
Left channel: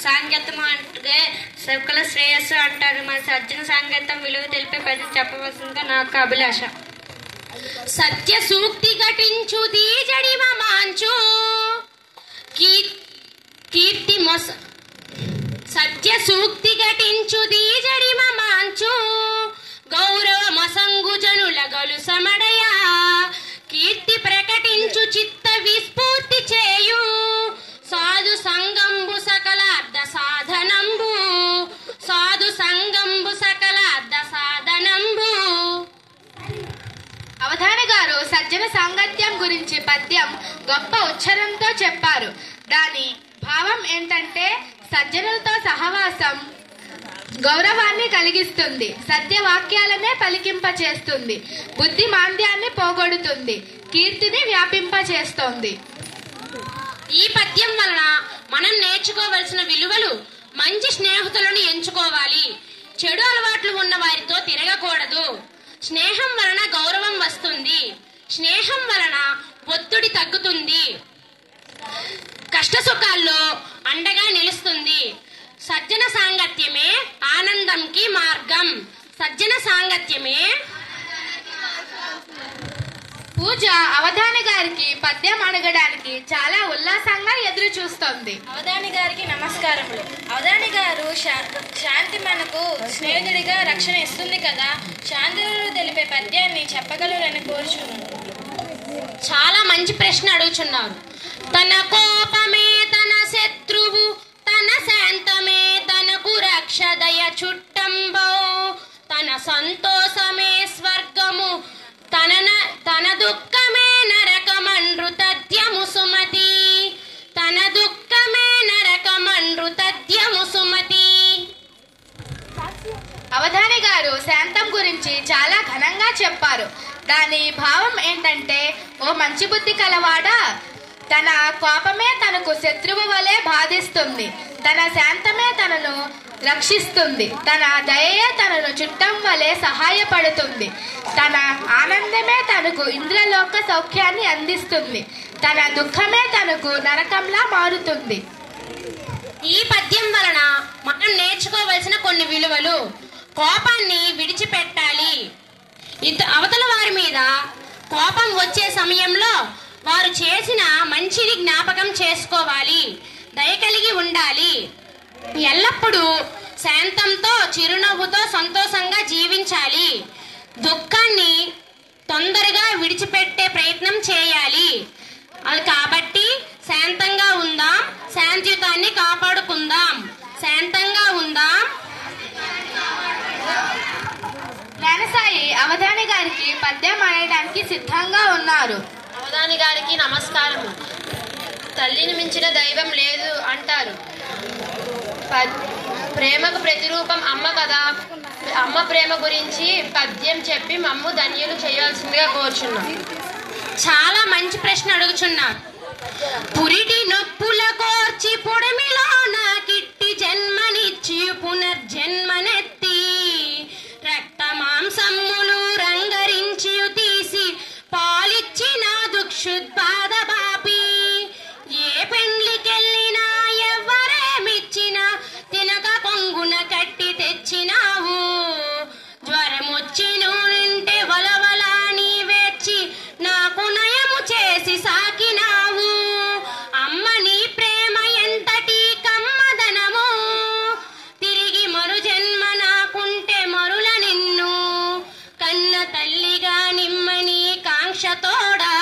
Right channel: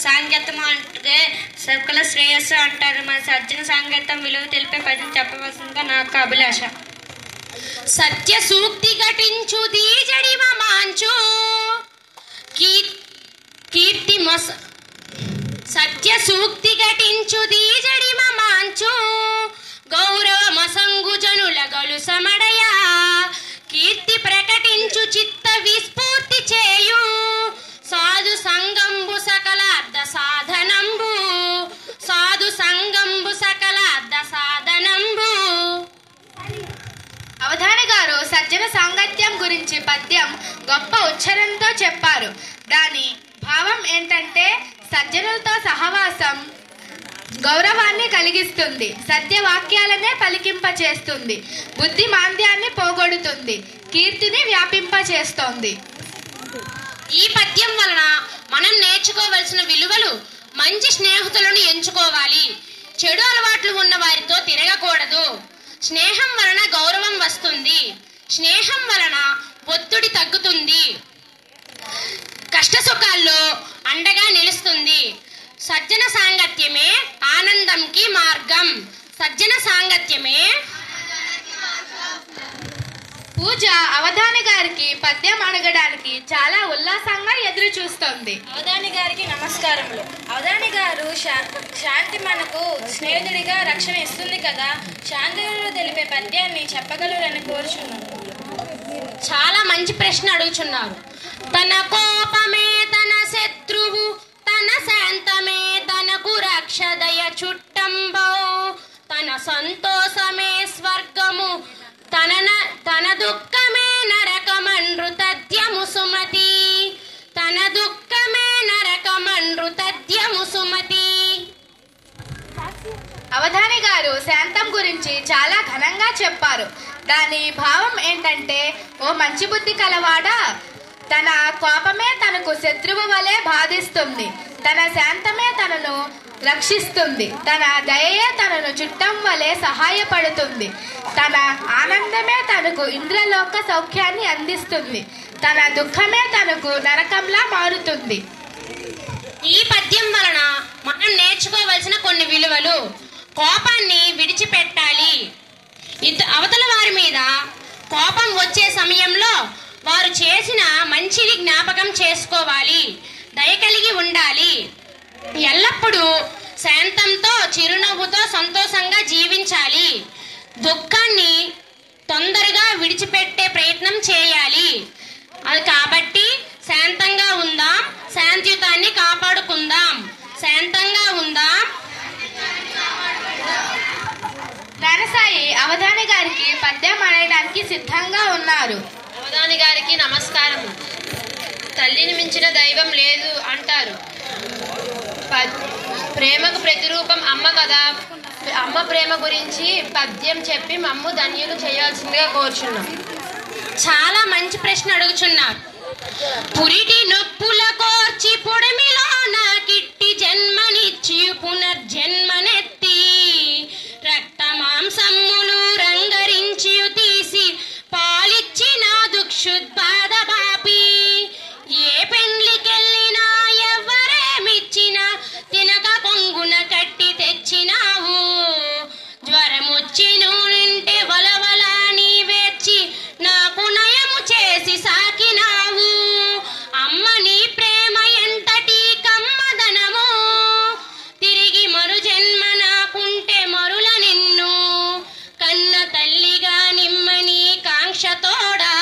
సాంగత్యం అంటే సకల శ్రేయస్సు అంటారు. మరి సజ్జన సాంగత్యం విలువ తెలిపే పద్యం చెప్పవలసిందిగా నాకు అభిలాష. సత్య సూక్తి ఘటించు దీజడి మాంచు కీర్తి మొస, సత్య సూక్తి ఘటించు దీజడి మాంచు గౌరవ మసంగు జనుల గలు సమడయ, కీర్తి ప్రకటించు చిత్త విస్ఫూర్తి చేయు సాధు సంగంబు సకల అర్ధ సాధనంబు, సాధు సంగంబు సకల అర్ధ సాధనంబు. అవధాని గారు సజ్జన సాంగత్యం గురించి పద్యం గొప్ప ఉచ్చారణతో చెప్పారు. దాని భావం ఏంటంటే, సజ్జనులతో సహవాసం గౌరవాన్ని కలిగిస్తుంది, సత్యవాక్యాలనే పలికింపచేస్తుంది, బుద్ధి మాంద్యాన్ని పోగొడుతుంది, కీర్తిని వ్యాపింపచేస్తోంది. ఈ పద్యం వలన మనం నేర్చుకోవలసిన విలువలు: మంచి స్నేహితులను ఎంచుకోవాలి, చెడు అలవాట్లు ఉన్న వారితో తిరగకూడదు, స్నేహం వలన గౌరవం వస్తుంది, స్నేహం వలన ఒత్తిడి తగ్గుతుంది, కష్ట సుఖాల్లో అండగా నిలుస్తుంది, సజ్జన సాంగత్యమే ఆనందంకి మార్గం, సజ్జన సాంగత్యమే. పూజ అవధాని గారికి పద్యం అడగడానికి చాలా ఉల్లాసంగా ఎదురు చూస్తోంది. అవధాని గారికి నమస్కారములు. అవధాని గారు శాంతి మనకు స్నేహితుడిగా రక్షణ ఇస్తుంది కదా, శాంతి తెలిపే పద్యాన్ని చెప్పగలరని కోరుచున్నాను. చాలా మంచి ప్రశ్న అడుగుచున్నారు. తన కోపమే తన శత్రువు, తన శాంతమే తనకు రక్షదయ చుట్టంబో, తన సంతోషమే స్వర్గము, తన దుఃఖమే నరకమండ్రు తథ్యము సుమతి, తన దుఃఖమే నరకమండ్రు తథ్యము సుమతి. అవధాని గారు శాంతం గురించి చాలా ఘనంగా చెప్పారు. దాని భావం ఏంటంటే, ఓ మంచి బుద్ధి కలవాడా, తన కోపమే తనకు శత్రువు వలె బాధిస్తుంది, తన శాంతమే తనను రక్షిస్తుంది, తన దయయే తనను చుట్టం వలె సహాయపడుతుంది, తన ఆనందమే తనకు ఇంద్రలోక సౌఖ్యాన్ని అందిస్తుంది, తన దుఃఖమే తనకు నరకంలా మారుతుంది. ఈ పద్యం వలన మనం నేర్చుకోవలసిన కొన్ని విలువలు: కోపాన్ని విడిచిపెట్టాలి. అవతల వారి మీద కోపం వచ్చే సమయంలో వారు చేసిన మంచిని జ్ఞాపకం చేసుకోవాలి. దయ కలిగి ఉండాలి. ఎల్లప్పుడూ శాంతంతో చిరునవ్వుతో సంతోషంగా జీవించాలి. దుఃఖాన్ని తొందరగా విడిచిపెట్టే ప్రయత్నం చేయాలి. అది కాబట్టి శాంతంగా ఉందాం, శాంతియుతాన్ని కాపాడుకుందాం. శాంతంగా ఉందాం. నరసాయి అవధాని గారికి పద్యం ఆడడానికి సిద్ధంగా ఉన్నారు. అవధాని గారికి నమస్కారము. తల్లిని మించిన దైవం లేదు అంటారు. ప్రేమకు ప్రతిరూపం అమ్మ కదా. అమ్మ ప్రేమ గురించి పద్యం చెప్పి మమ్ము ధన్యులు చేయాల్సిందిగా కోరుచున్నాం. చాలా మంచి ప్రశ్న అడుగుచున్నారు. పురిటి నొప్పుల కోర్చి పొడమిలో నాకిట్టి జన్మనిచ్చి పునర్జన్మనెత్తి రక్త మాంసమ్ములు రంగరించి తీసి పాలిచ్చి నా దుక్షుద్బాధ బాపి ఏ పెండ్లికెళ్ళినా ఎవ్వరేమిచ్చినా తినక కొంగున కట్టి తెచ్చినావు. జ్వరమొచ్చి నుంటే వలవలా నీవేర్చి నాకు నయము చేసి సాకినావు. అమ్మ నీ ప్రేమ ఎంతటి కమ్మదనము, తిరిగి మరు జన్మ నాకుంటే మరుల నిన్ను కన్న తల్లిగా నిమ్మని కాంక్షతోడా,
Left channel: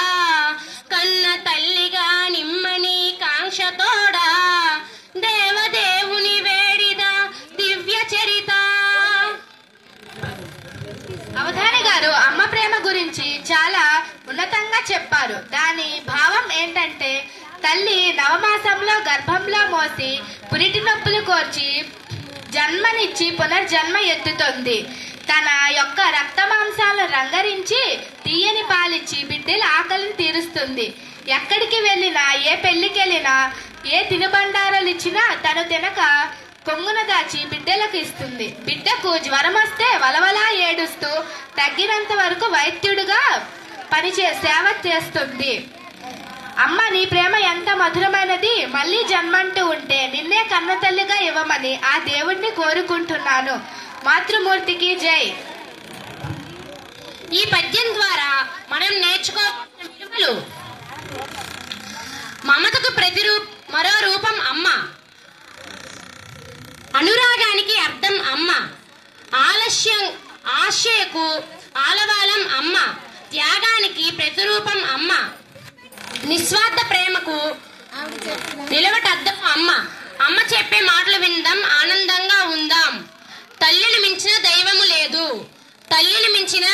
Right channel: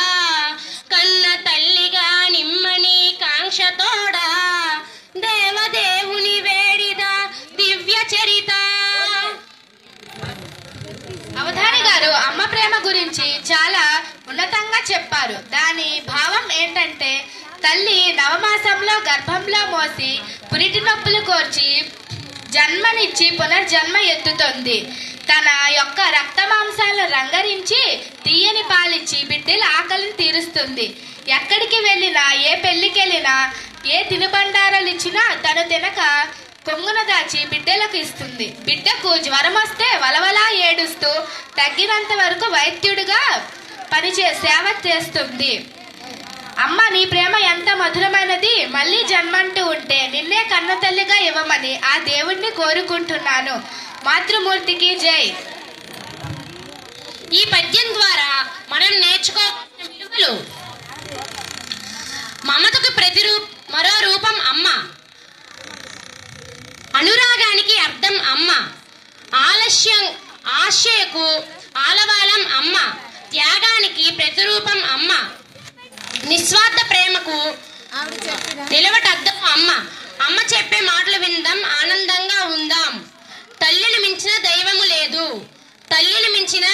కన్న తల్లిగా నిమ్మని కాంక్షతోడా దేవదేవుని వేడిద దివ్య చరిత. అవధాని గారు అమ్మ ప్రేమ గురించి చాలా ఉన్నతంగా చెప్పారు. దాని భావం ఏంటంటే, తల్లి నవమాసంలో గర్భంలో మోసి పురిటి నొప్పులు కోర్చి జన్మనిచ్చి పునర్జన్మ ఎత్తుతుంది. తన యొక్క రక్త మాంసాలను రంగరించి తీయని పాలిచ్చి బిడ్డల ఆకలిని తీరుస్తుంది. ఎక్కడికి వెళ్ళినా, ఏ పెళ్లికెళ్ళినా, ఏ తినుబండారాలు ఇచ్చినా తను తినక కొంగున దాచి బిడ్డలకు ఇస్తుంది. బిడ్డకు జ్వరం వస్తే వలవలా ఏడుస్తూ తగ్గినంత వరకు వైద్యుడిగా సేవ చేస్తుంది. అమ్మ నీ ప్రేమ ఎంత మధురమైనది, మళ్ళీ జన్మంటూ ఉంటే నిన్నే కన్న తల్లిగా ఇవ్వమని ఆ దేవుణ్ణి కోరుకుంటున్నాను. మాతృమూర్తికి జై. ఈ పద్యం ద్వారా మనం నేర్చుకోవాల్సిన విలువలు: మమతకు మరో రూపం అమ్మ, అనురాగానికి అర్థం అమ్మ, ఆశయకు ఆలవాలం అమ్మ, త్యాగానికి ప్రతిరూపం అమ్మ, నిస్వార్థ ప్రేమకు నిలవటద్దం అమ్మ. అమ్మ చెప్పే మాటలు విందాం, ఆనందంగా ఉందాం. తల్లిని మించిన దైవము లేదు, తల్లిని మించిన.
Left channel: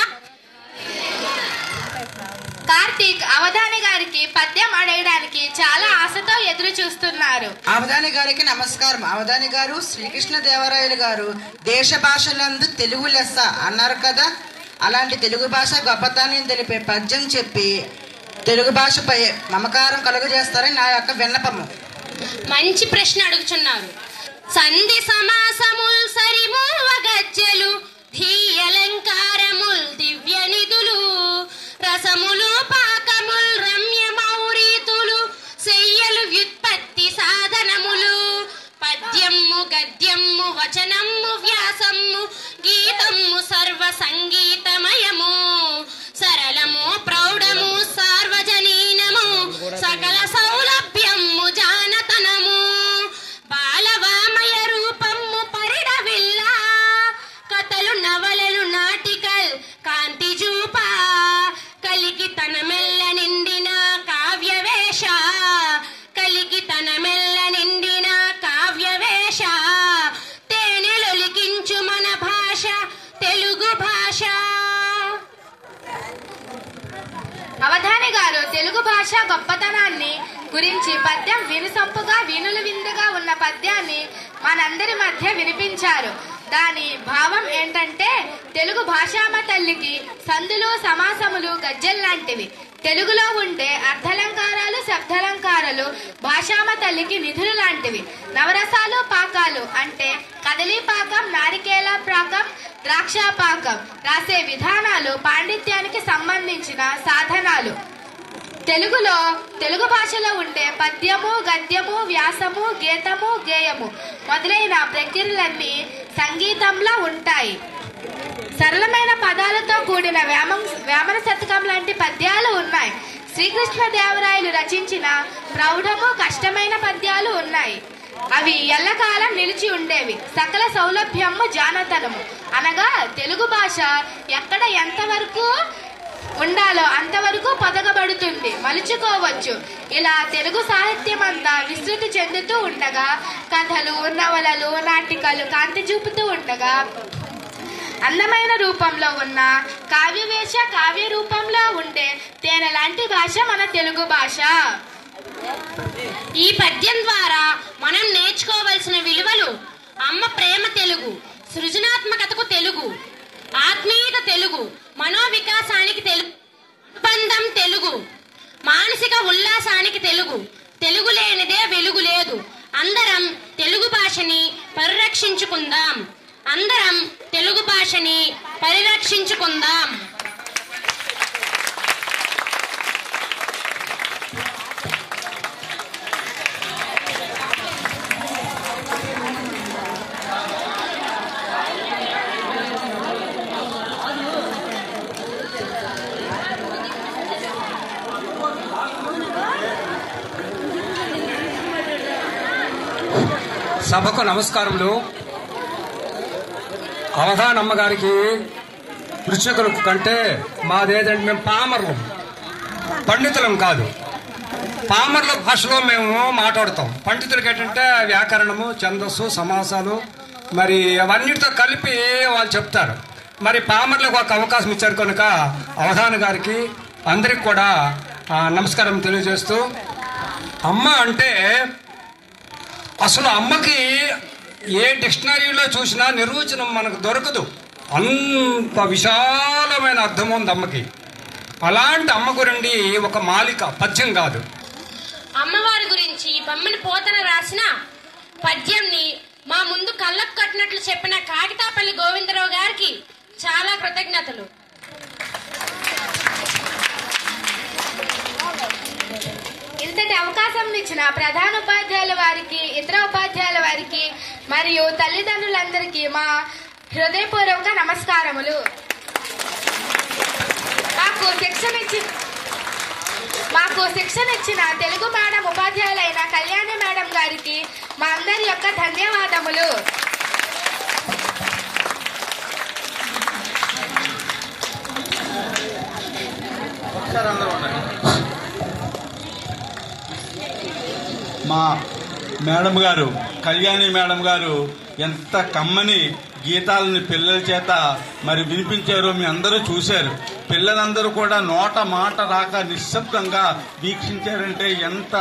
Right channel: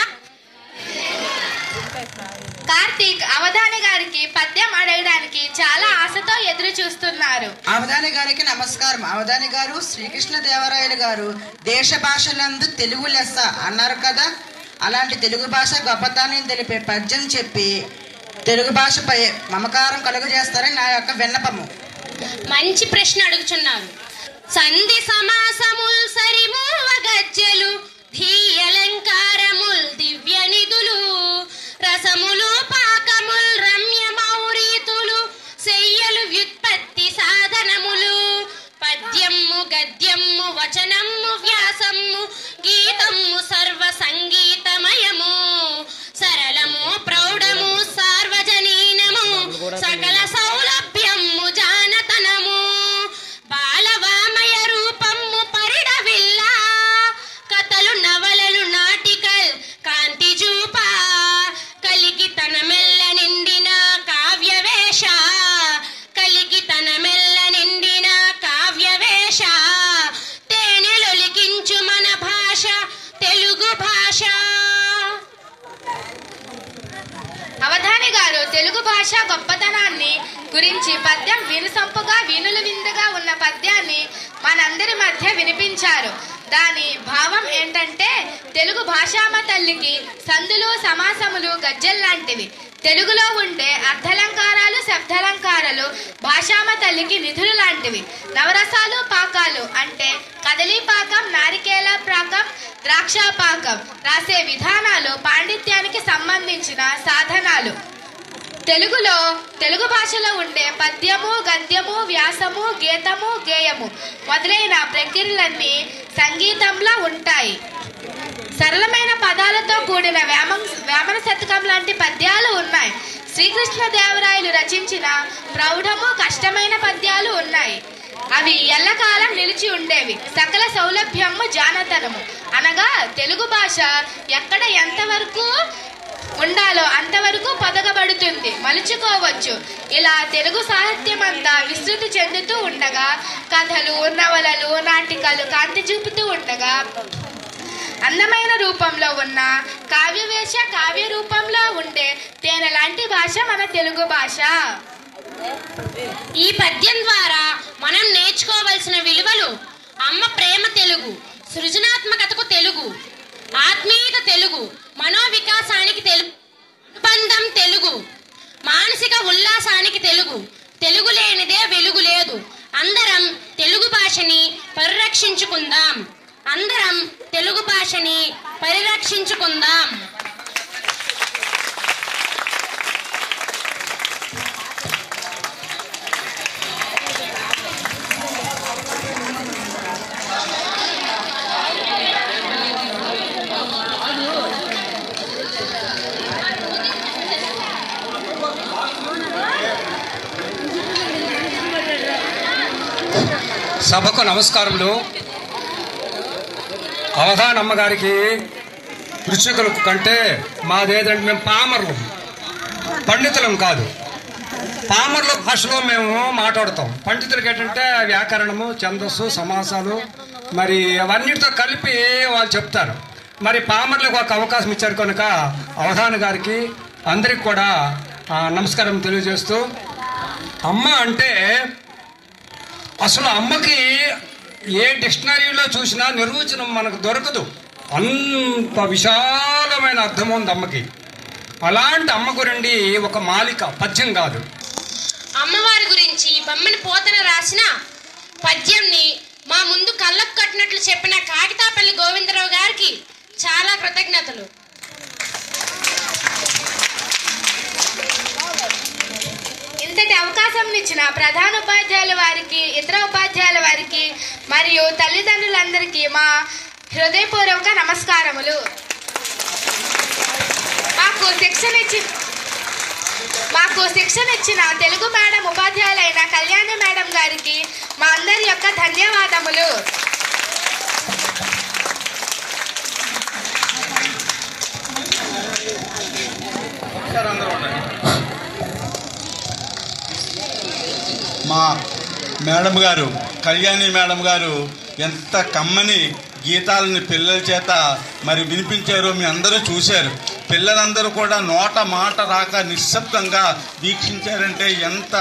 కార్తీక్ అవధాని గారికి పద్యం అడగడానికి చాలా ఆశతో ఎదురు చూస్తున్నారు. అవధాని గారికి నమస్కారం. అవధాని గారు శ్రీకృష్ణదేవరాయలు గారు దేశ భాషలందు తెలుగు లెస్స అన్నారు కదా. అలాంటి తెలుగు భాష గొప్పతనాన్ని తెలిపే పద్యం చెప్పి తెలుగు భాషపై మమకారం కలుగజేస్తారని నా యొక్క విన్నపము. మంచి ప్రశ్న అడుగుతున్నారు. సంధి సమాసముల్ సరిమూవ గజ్జెలు ధీయలంకారముల్ దివ్య నిధులు రసములు పాకముల్ రమ్య మౌరీతులు శయ్యలు వ్యుత్పత్తి సాధనములు పద్యము గద్యము వచనము వ్యాసము గీతము సర్వ సంగీతమయము సరళము ప్రౌఢము సార్వజనీనము సకల సౌలభ్యము జానతనము బాలవామయ రూపము పరిడవిల్ల కథలు నవలలు నాటికల్ కాంతి చూప కలికి తన మెల్ల నిండిన కావ్యవేష కలికి తన మెల్ల నిండిన కావ్యవేష తేనెలొలికించు మన భాష తెలుగు భాష. అవధాని గారు తెలుగు భాష గొప్పతనాన్ని గురించి పద్యం వినుసొంపుగా వినుల విందుగా ఉన్న పద్యాన్ని మనందరి మధ్య వినిపించారు. దాని భావం ఏంటంటే తెలుగు భాషామ తల్లికి సందులు సమాసములు గజ్జెల్లాంటివి. తెలుగులో ఉండే అర్థలంకారాలు శబ్దాలంకారాలు భాషామ తల్లికి నిధులు లాంటివి. నవరసాలు పాకాలు అంటే కదలీ పాకం, నారికేల పాకం, ద్రాక్ష పాకం రాసే విధానాలు పాండిత్యానికి సంబంధించిన సాధనాలు. తెలుగు భాషలో ఉండే పద్యము, గద్యము, వ్యాసము, గీతము, గేయము మొదలైన ప్రక్రియలన్నీ సంగీతంలా ఉంటాయి. సరళమైన పదాలతో కూడిన వేమన శతకం లాంటి పద్యాలు ఉన్నాయి. శ్రీకృష్ణదేవరాయలు రచించిన ప్రౌఢము కష్టమైన పద్యాలు ఉన్నాయి. అవి ఎల్లకాలం నిలిచి ఉండేవి. సకల సౌలభ్యము జానతనము అనగా తెలుగు భాష ఎక్కడ ఎంతవరకు ఉండాలో అంతవరకు పొదగబడుతుంది, మలుచుకోవచ్చు. ఇలా తెలుగు సాహిత్యం అంతా విస్తృతి చెందుతూ ఉండగా కథలు, నవలలు, నాటికలు కాంతి చూపుతూ ఉండగా అందమైన రూపంలో ఉన్న కావ్యవేశ కావ్య రూపంలో ఉండే తేనె లాంటి భాష మన తెలుగు భాష. ఈ పద్యం ద్వారా మనం నేర్చుకోవలసిన విలువలు: అమ్మ ప్రేమ తెలుగు, సృజనాత్మకతకు తెలుగు, ఆత్మీయత తెలుగు, మనోవికాసానికి తెలుగు, అనుబంధం తెలుగు, మానసిక ఉల్లాసానికి తెలుగు, తెలుగు లేనిదే వెలుగు లేదు. అందరం తెలుగు భాషని పరిరక్షించుకుందాం. అందరం తెలుగు భాషని పరిరక్షించుకుందాం. సభకు నమస్కారములు. అవధానమ్మ గారికి కృషికుల కంటే మాదేదంటే మేము పామర్లు, పండితులం కాదు. పామర్ల భాషలో మేము మాట్లాడతాం. పండితులకి ఏంటంటే వ్యాకరణము, ఛందస్సు, సమాసాలు మరి అవన్నిటితో కలిపి వాళ్ళు చెప్తారు. మరి పామర్లకు ఒక అవకాశం ఇచ్చారు కనుక అవధాన గారికి అందరికి కూడా నమస్కారం తెలియజేస్తూ, అమ్మ అంటే అసలు అమ్మకి ఏ డిక్షనరీలో చూసినా నిర్వచనం మనకు దొరకదు. అంత విశాలమైన అర్థం ఉంది అమ్మకి. అలాంటి అమ్మ గురించి ఒక మాలిక పద్యం కాదు. అమ్మవారి గురించి బొమ్మని పోతన రాసిన పద్యంని మా ముందు కళ్ళకు కట్టినట్లు చెప్పిన కాకితాపల్లి గోవిందరావు గారికి చాలా కృతజ్ఞతలు. ఇంతటి అవకాశం ఇచ్చిన ప్రధాన ఉపాధ్యాయుల వారికి, ఇతర ఉపాధ్యాయుల వారికి మరియు తల్లిదండ్రులందరికీ మా హృదయపూర్వక నమస్కారములు. మాకు శిక్షణ ఇచ్చిన తెలుగు మేడం ఉపాధ్యాయులైన కళ్యాణి మేడం గారికి మా అందరి యొక్క ధన్యవాదములు. మా మేడం గారు, కళ్యాణి మేడం గారు ఎంత కమ్మని గీతాలని పిల్లల చేత మరి వినిపించారో మీ అందరూ చూశారు. పిల్లలందరూ కూడా నోట మాట రాక నిశ్శబ్దంగా వీక్షించారంటే ఎంత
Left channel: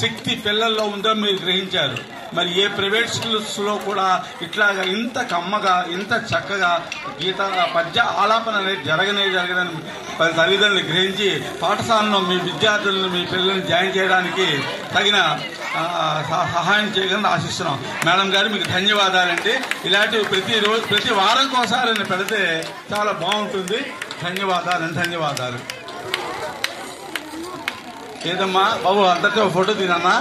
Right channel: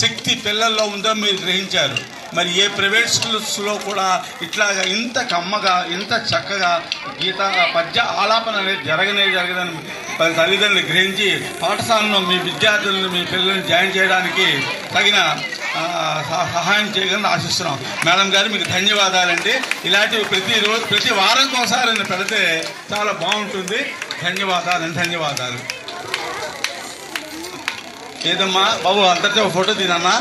శక్తి పిల్లల్లో ఉందో మీరు గ్రహించారు. మరి ఏ ప్రైవేట్ స్కూల్స్లో కూడా ఇట్లాగా ఇంత కమ్మగా, ఇంత చక్కగా పద్య ఆలాపన అనేది జరగదని తల్లిదండ్రులు గ్రహించి పాఠశాలలో మీ విద్యార్థులను, మీ పిల్లల్ని జాయిన్ చేయడానికి తగిన సహాయం చేయగలని ఆశిస్తున్నాం. మేడం గారు మీకు ధన్యవాదాలండి. ఇలాంటివి ప్రతి వారం ఒకసారి పెడితే చాలా బాగుంటుంది. ధన్యవాదాలు. ఏదమ్మా బాబు, అందరితో ఫోటో తీనమ్మా.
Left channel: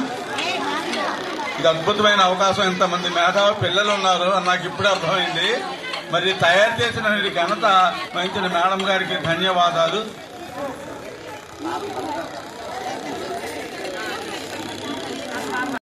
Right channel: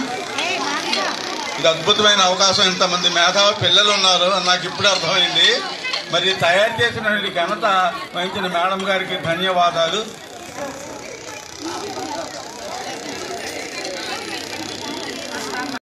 ఇది అద్భుతమైన అవకాశం. ఇంతమంది మేధావి పిల్లలు ఉన్నారు అని నాకు ఇప్పుడు అర్థమైంది. మరి తయారు చేసిన ఘనత వహించిన మేడం గారికి ధన్యవాదాలు.